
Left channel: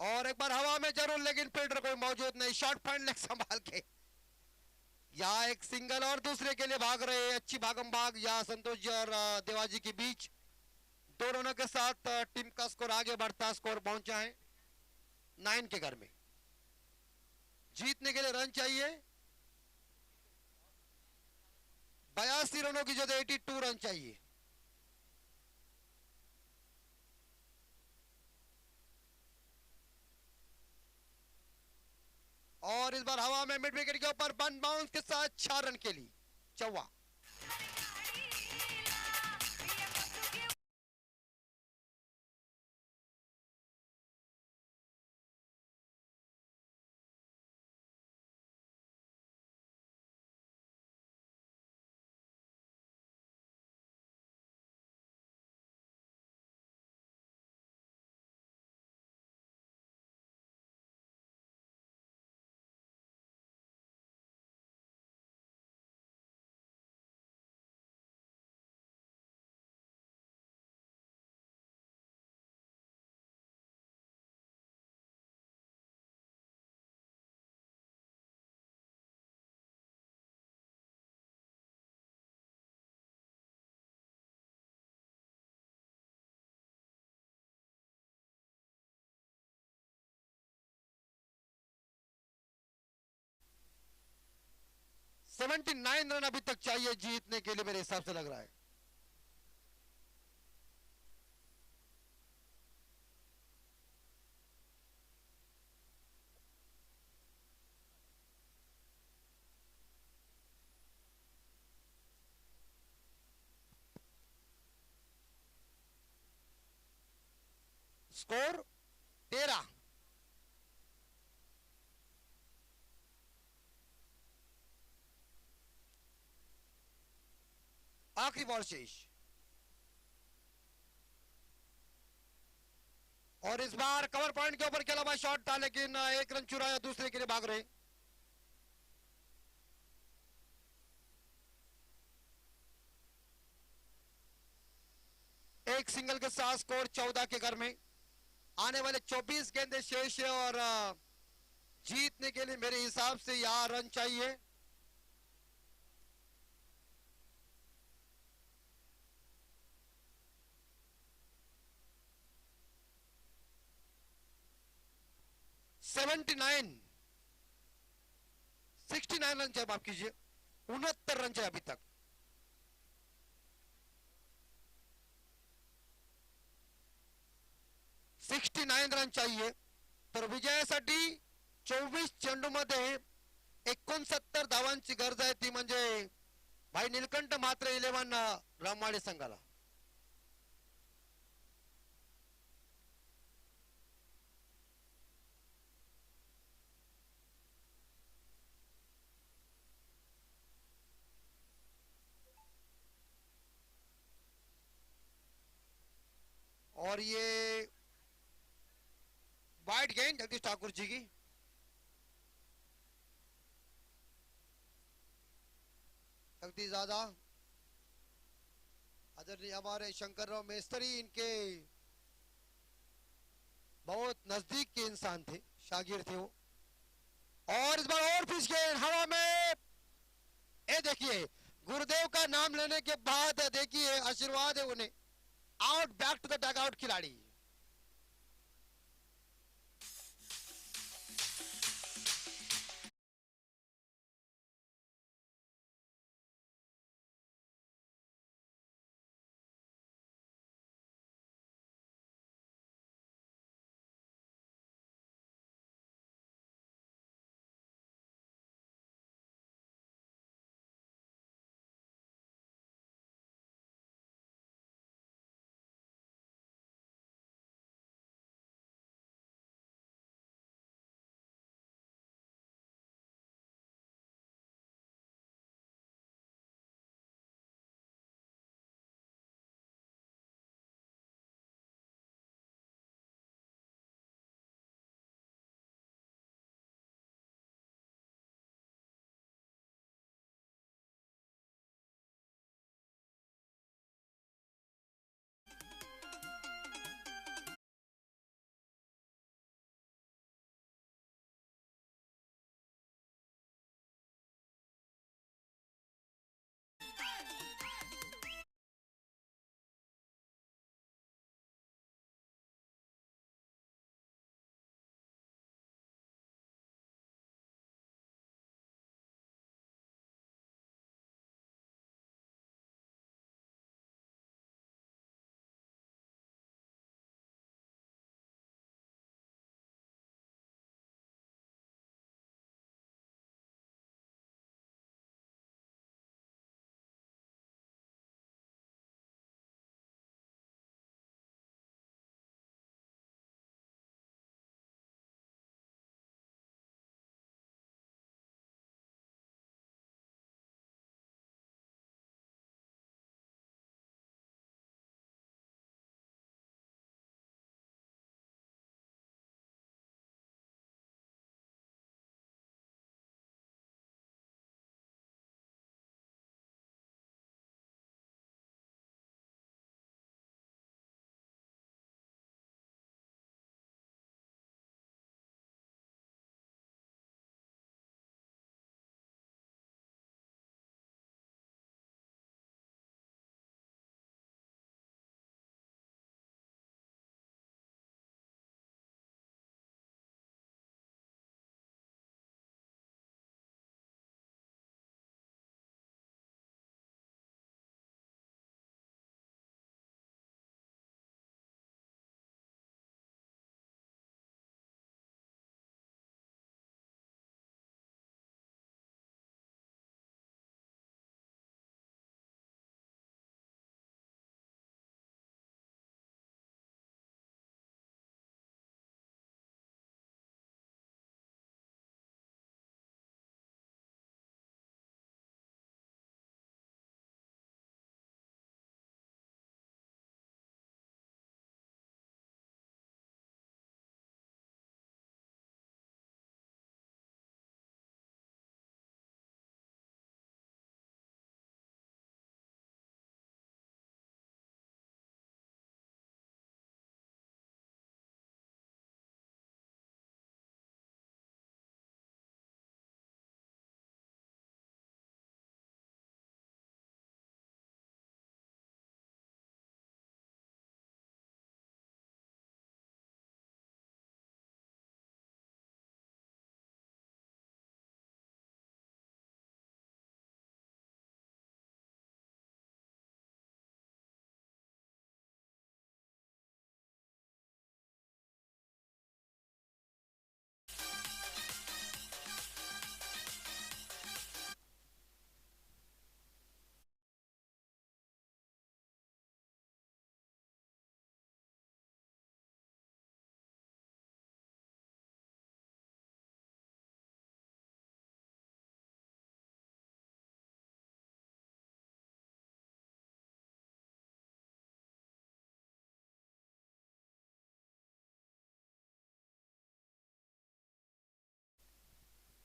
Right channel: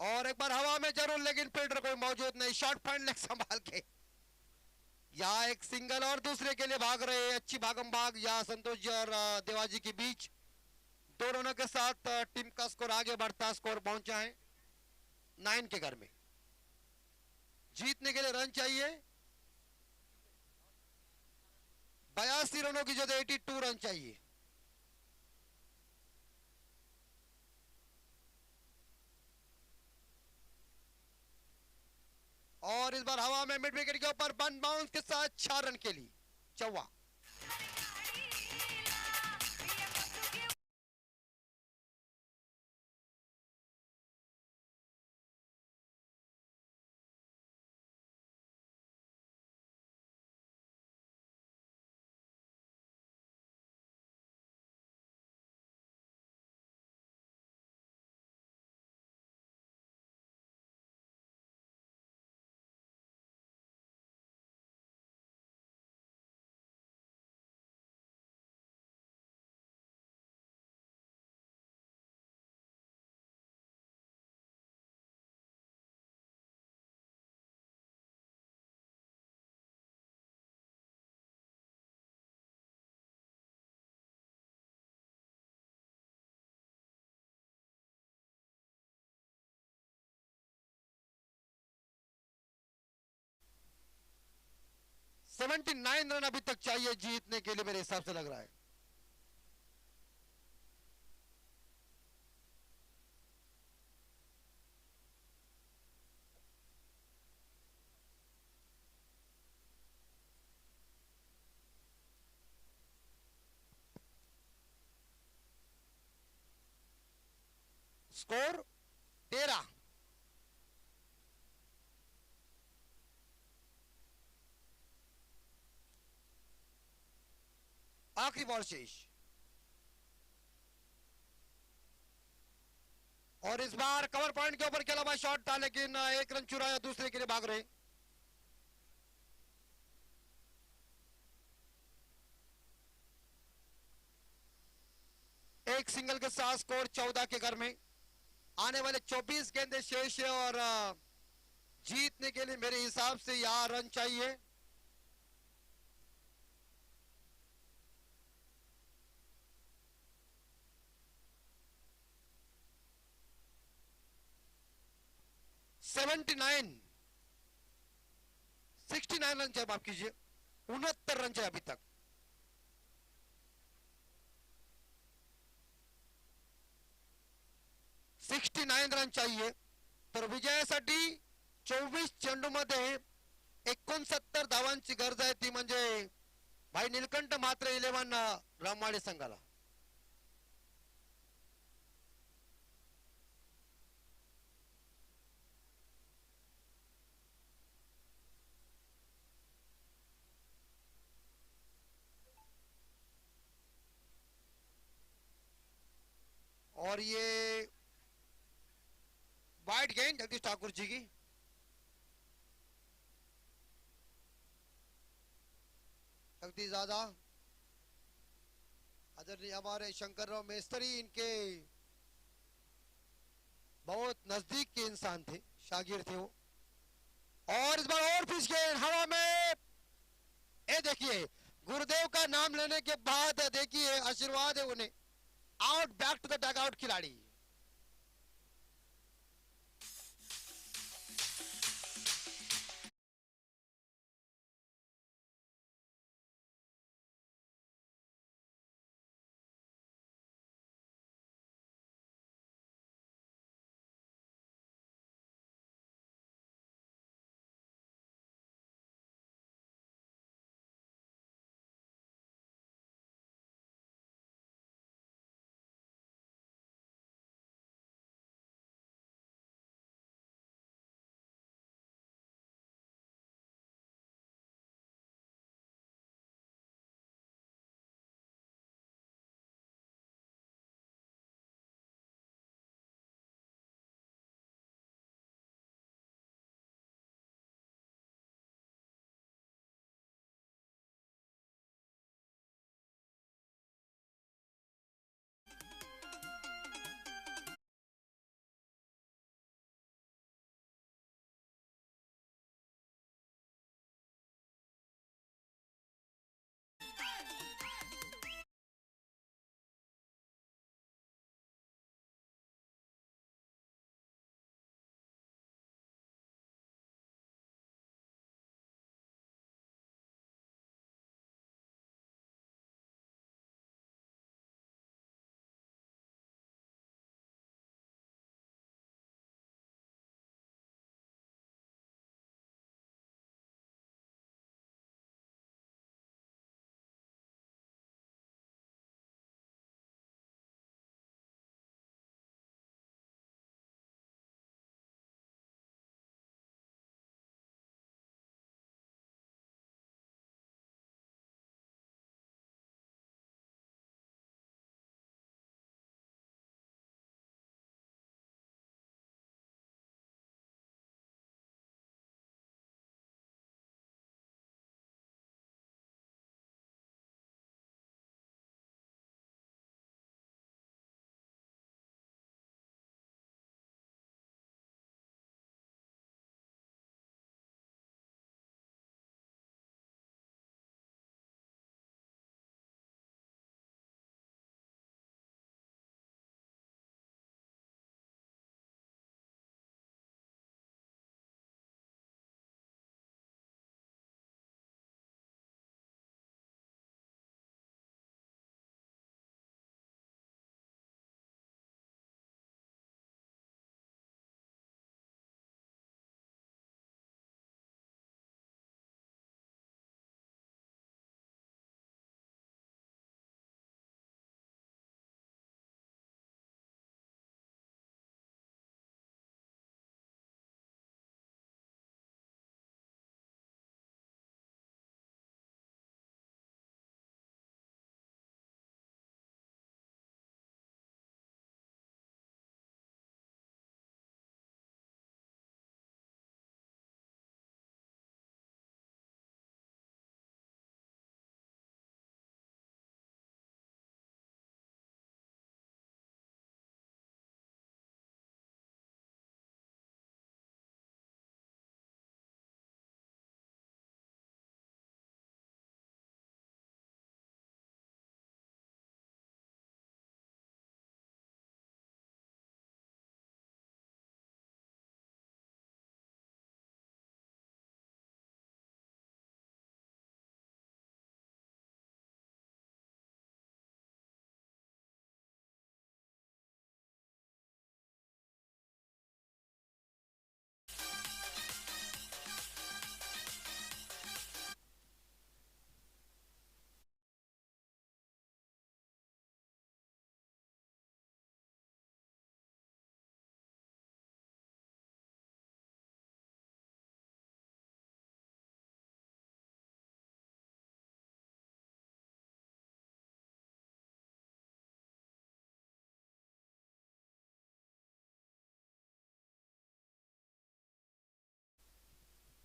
और एक बार हवा में जरूर लेकिन फील्डर कोई मौजूद नहीं. शॉर्ट पॉइंट लेग संभाल के या एक सिंगल और दूसरे के लिए भाग रहे. अच्छी भागम भाग या संतोष जी और देवाजी के बीच. दो रनों के साथ टीम का स्कोर आगे बढ़ता स्कोर पहुंचा है 9 के घर में. जीतने के लिए रन चाहिए 82 रनों की जगह 82 रन चाहिए. और इस बार हवा में मिड विकेट के ऊपर वन बाउंस के साथ 4 रन के लिए चौवा. 79 रन अभी तक चाहिए जीतने के लिए मेरे हिसाब से लग रहा है। स्कोर 13। आखिरी बॉल शेष, और इस बार कवर पॉइंट के ऊपर खेला हुआ शॉट था, लेकिन एक रन चुराया, दूसरे के लिए भाग रहे। एक सिंगल के साथ स्कोर 14 के घर में। आने वाले 24 गेंदे शेष है और जीतने के लिए मेरे हिसाब से यहां रन चाहिए। सेवेंटी 69 रन चाहिए, माफ कीजिए, 69 रन चाहिए अभी तक। सिक्स्टी 69 रन चाहिए तर विजयासाठी 24 चेंडूमध्ये 69 धावांची गरज आहे, ती म्हणजे भाई नीलकंठ मात्र 11 रामवाडे संघाला। और ये वाइड गेंद जगदीश ठाकुर जी की। जगदीश दादा आदरणीय हमारे शंकरराव मेस्तरी इनके बहुत नजदीक के इंसान थे, शागिर थे वो। और इस बार और पिच गेंद हवा में, ये देखिए गुरुदेव का नाम लेने के बाद देखिए आशीर्वाद है उन्हें। Out, back to the dugout खिलाड़ी।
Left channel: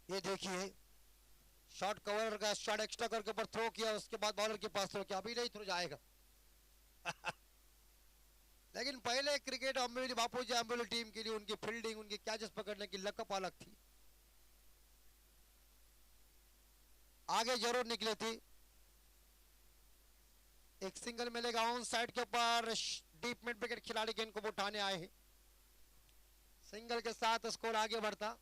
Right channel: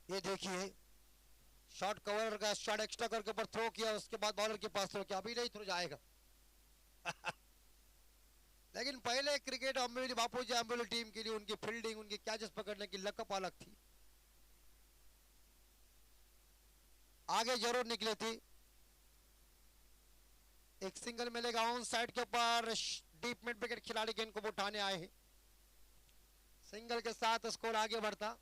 ये देखिए, शॉट कवर का शॉट एक्स्ट्रा करके ऊपर थ्रो किया, उसके बाद बॉलर के पास थ्रो किया, अभी नहीं थ्रो जाएगा। लेकिन पहले क्रिकेट अम्बेली बापूजी अम्बेली टीम के लिए उनकी फील्डिंग, उनकी कैचेस पकड़ने की लकप अलग थी, आगे जरूर निकले थी। एक सिंगल मिलेगा ऑन साइड के ऊपर, डीप मिड विकेट खिलाड़ी गेंद को उठाने आए हैं, सिंगल के साथ स्कोर आगे बढ़ता।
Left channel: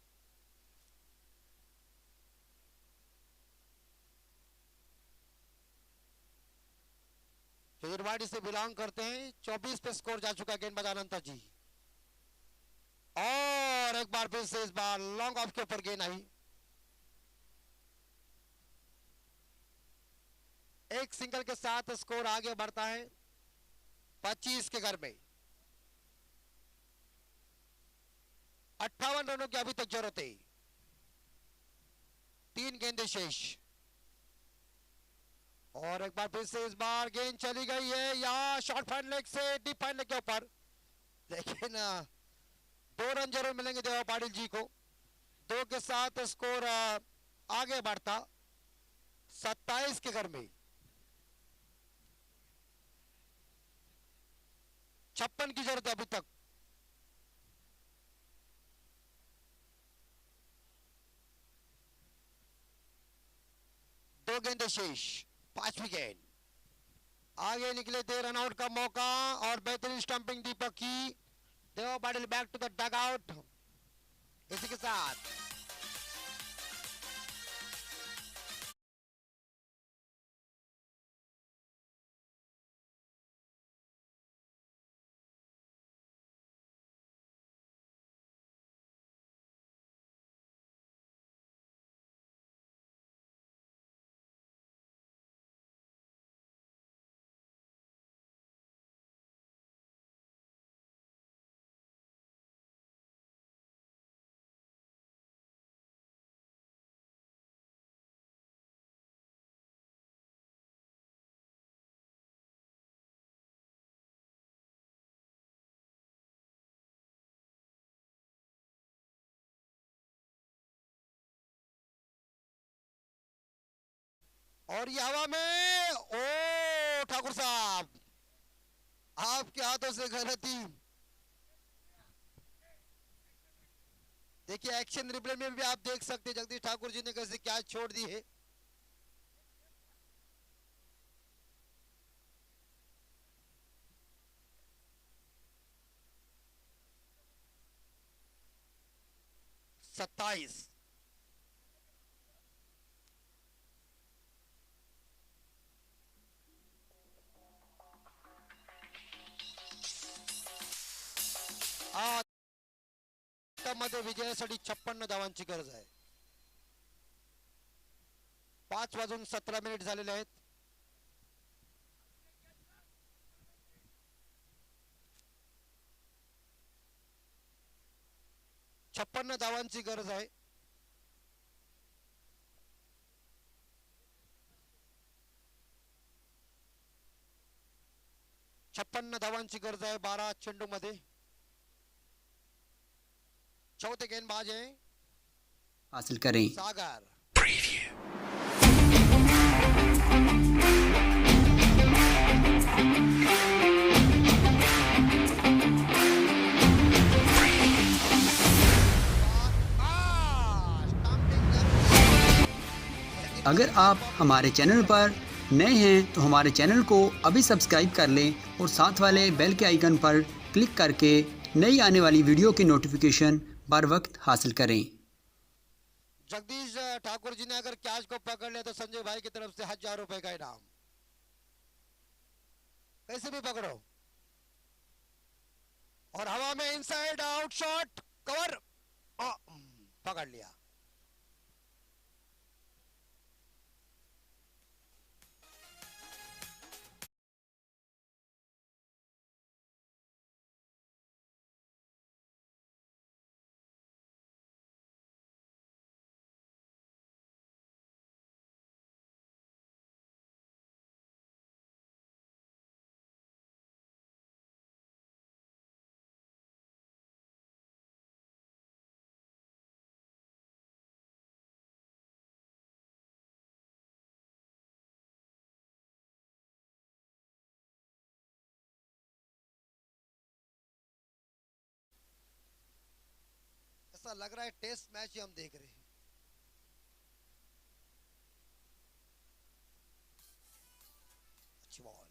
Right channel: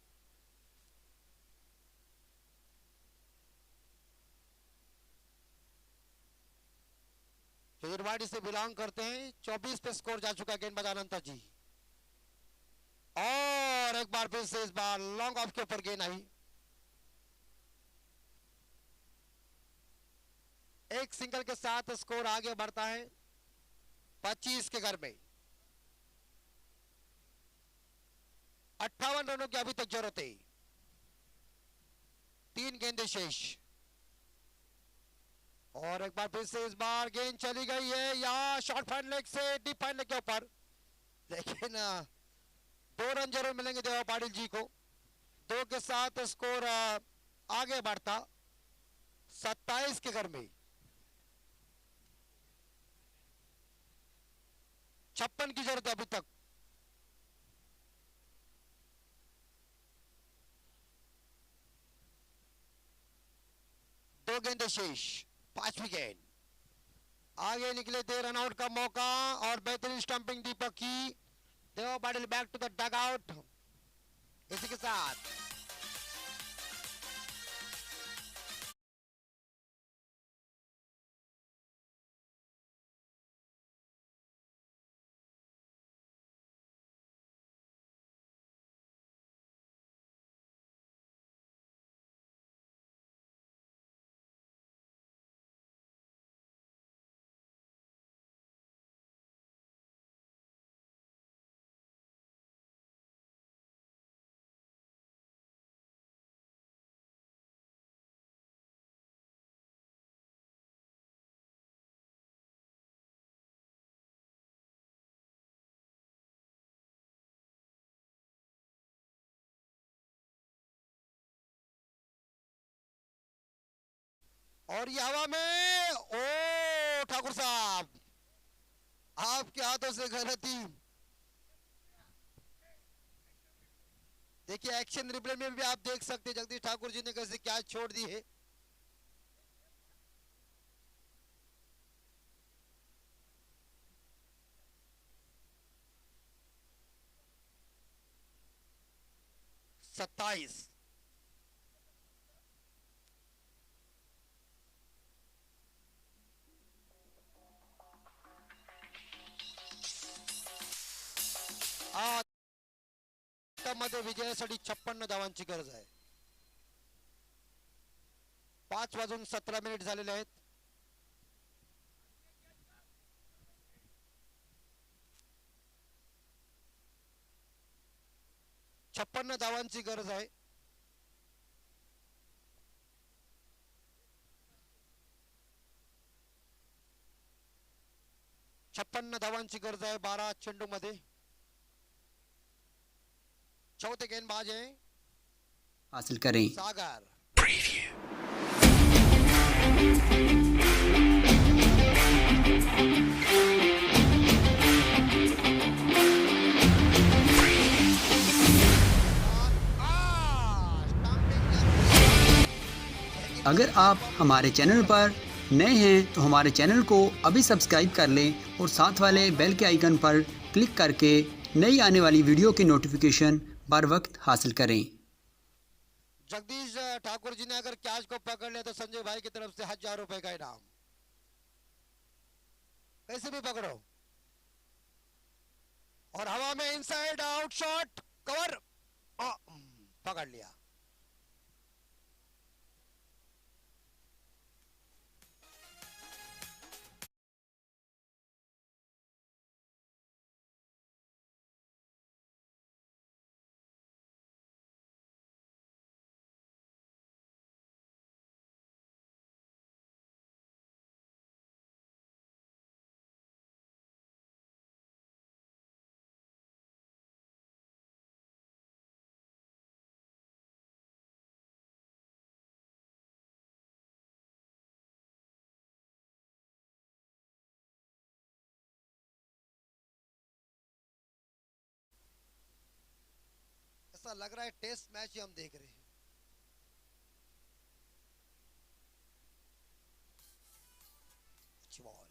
युरवाड़ी से बिलोंग करते हैं, 24 पे स्कोर जा चुका गेंदबाज अनंता जी, और एक बार फिर से इस बार लॉन्ग ऑफ के ऊपर गेंद आई। एक सिंगल के साथ स्कोर आगे बढ़ता है 25 के घर में। 58 रनों की अभी तक जरूरत है, 3 गेंदें शेष, और एक बार फिर से इस बार गेंद चली गई है, या शॉर्ट फाइन लेग से डीप फाइन लेग के ऊपर, लेकिन 2 रन जरूर मिलेंगे देवा पाटिल जी को। 2 के साथ स्कोर आगे बढ़ता 27 के घर में। 56 की जरूरत है अभी तक। दो गेंदें शेष, 5वीं गेंद, आगे निकले थे, रन आउट का मौका, और बेहतरीन स्टंपिंग दीपक की। Deva Patil back to the dugout. इसी के साथ और ये हवा में, ओ ठाकुर साहब, आपके हाथों से गलती। देखिए एक्शन रिप्ले में भी आप देख सकते हैं जगदीश ठाकुर जी ने कैसे कैच छोड़ दी है। सत्ताईस, मध्ये विजयासाठी 56 धावांची गरज आहे। 5:17 झालेले आहेत। 56 धावांची गरज आहे। 56 धावांची गरज आहे 12 चेंडू मध्ये। चौथे गेंदबाज है हासिल करें। सागर। अगर आप हमारे चैनल पर नए हैं तो हमारे चैनल को अभी सब्सक्राइब कर लें और साथ वाले बेल के आइकन पर क्लिक करके नई आने वाली वीडियो की नोटिफिकेशन बर वक्त हासिल करें। जगदीश ठाकुर जी ने अगर कैच को पकड़ लिया तो संजय भाई की तरफ से 1000 रुपए का इनाम। कैसे भी पकड़ो, और हवा में इनसाइड आउट शॉट कवर, पकड़ लिया। ऐसा लग रहा है टेस्ट मैच ही हम देख रहे हैं। अच्छी बॉल,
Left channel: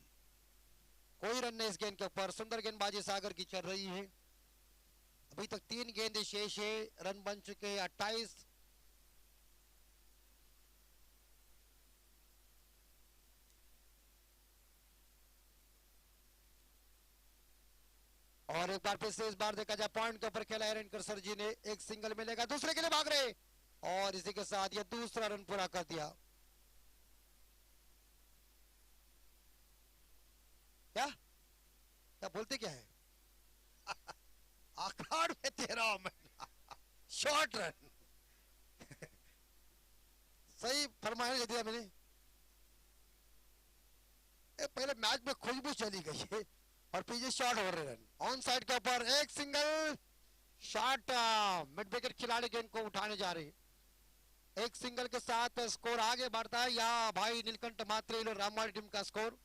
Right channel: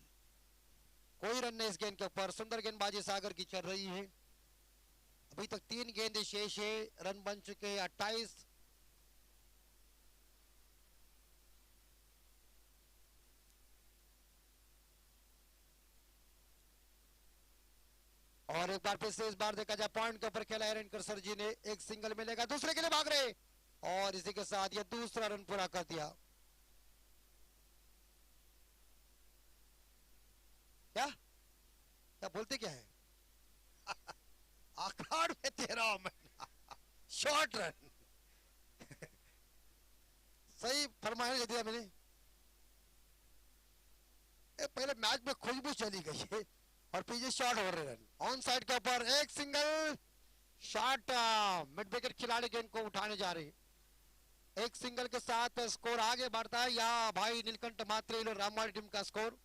कोई रन नहीं इस गेंद के ऊपर। सुंदर गेंदबाजी सागर की चल रही है। अभी तक 3 गेंदें शेष है, रन बन चुके हैं 28। और एक बार फिर से इस बार देखा जाए पॉइंट के ऊपर खेला एरन करसर जी ने। एक सिंगल मिलेगा, दूसरे के लिए भाग रहे और इसी के साथ ये दूसरा रन पूरा कर दिया। क्या क्या बोलते क्या है? अखाड़ में 13 शॉर्ट रन। सही फरमाया दे दिया मैंने। पहले मैच में खुशबू चली गई है और पीछे शॉट हो रहे रन। ऑन साइड के ऊपर एक सिंगल शॉट, मिड विकेट खिलाड़ी गेंद को उठाने जा रहे हैं। एक सिंगल के साथ स्कोर आगे बढ़ता है। या भाई नीलकंठ मात्रे रामवाड़ी टीम का स्कोर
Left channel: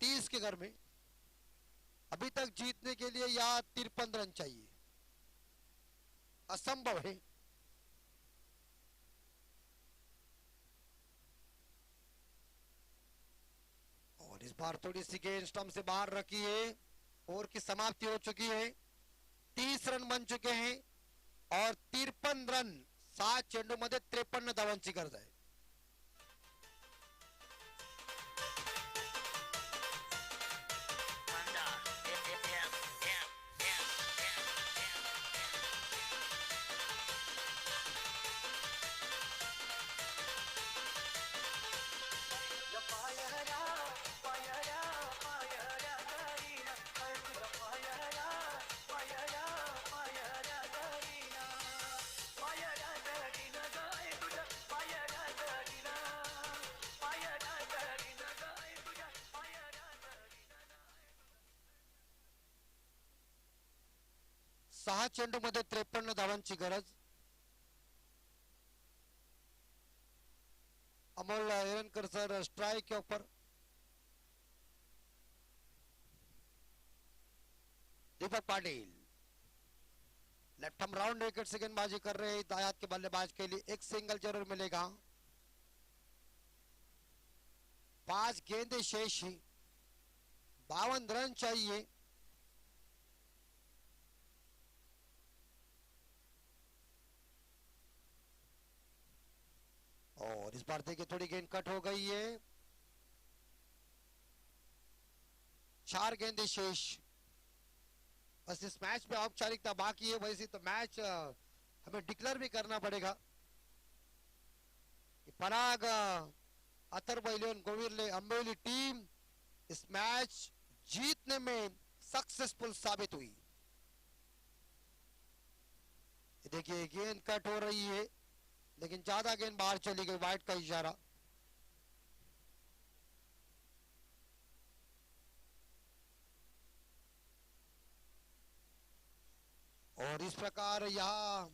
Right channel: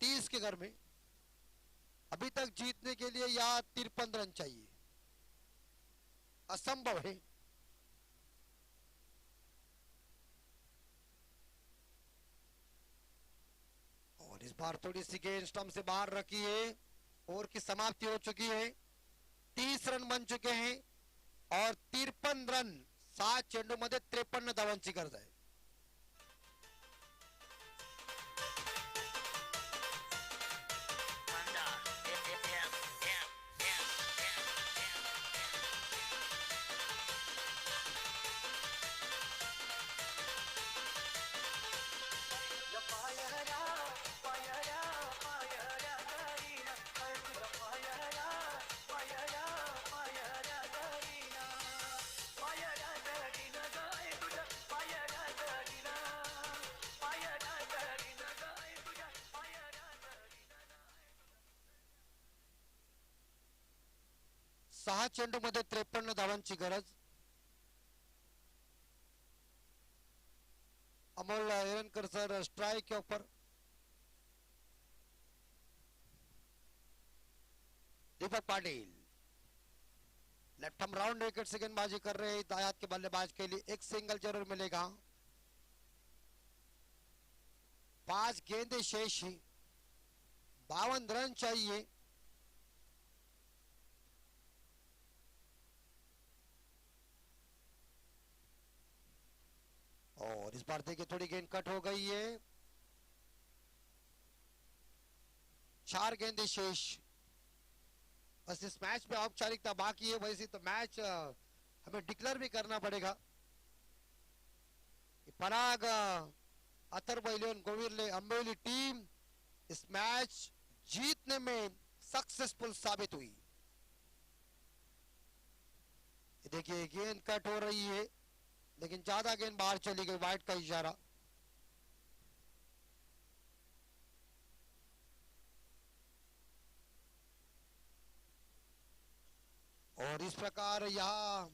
30 के घर में। अभी तक जीतने के लिए या 53 रन चाहिए, असंभव है। और इस बार थोड़ी सी गेंद स्टंप से बाहर रखी है। ओवर की समाप्ति हो चुकी है। 30 रन बन चुके हैं और 53 रन 7 चेंडूमध्ये 53 धावांची गरज आहे। सहा चेंडूमध्ये 53 धावांची गरज। अमोल एरनकर सर स्ट्राइक के ऊपर। दीपक पाटिल लेफ्ट हम राउंड विकेट से गेंदबाजी कर रहे हैं। दायात के बल्लेबाज के लिए एक सिंगल जरूर मिलेगा। 5 गेंदें शेष ही, 52 रन चाहिए। और इस बार देखिए थोड़ी गेंद कट हो गई है। 4 गेंदें शेष। बस इस मैच में औपचारिकता बाकी है, वैसे तो मैच हमें डिक्लेयर भी करना पड़ेगा। पराग अथर्व इलेवन गोविरले अंबेली टीम इस मैच जीतने में सक्सेसफुल साबित हुई। देखिए गेंद कट हो रही है, लेकिन ज्यादा गेंद बाहर चली गई, वाइड का इशारा। और इस प्रकार यहां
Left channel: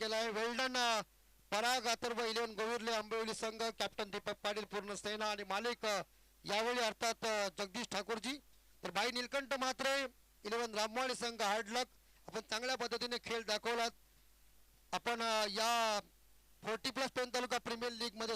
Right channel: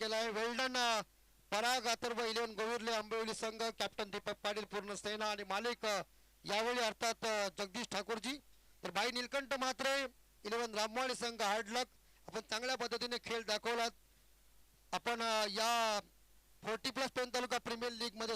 केला आहे। वेल्डन पराग अथर्व इलेवन गोविरले आंबेवली संघ, कॅप्टन दीपक पाटील पूर्ण सेना आणि मालिक यावेळी अर्थात जगदीश ठाकूरजी। तर भाई नीलकंठ म्हात्रे 11 रामवाडी संघ हार्ड लक। आपण चांगल्या पद्धतीने खेळ दाखवलात। आपण या 40+ पेन तालुका प्रीमियर लीग मध्ये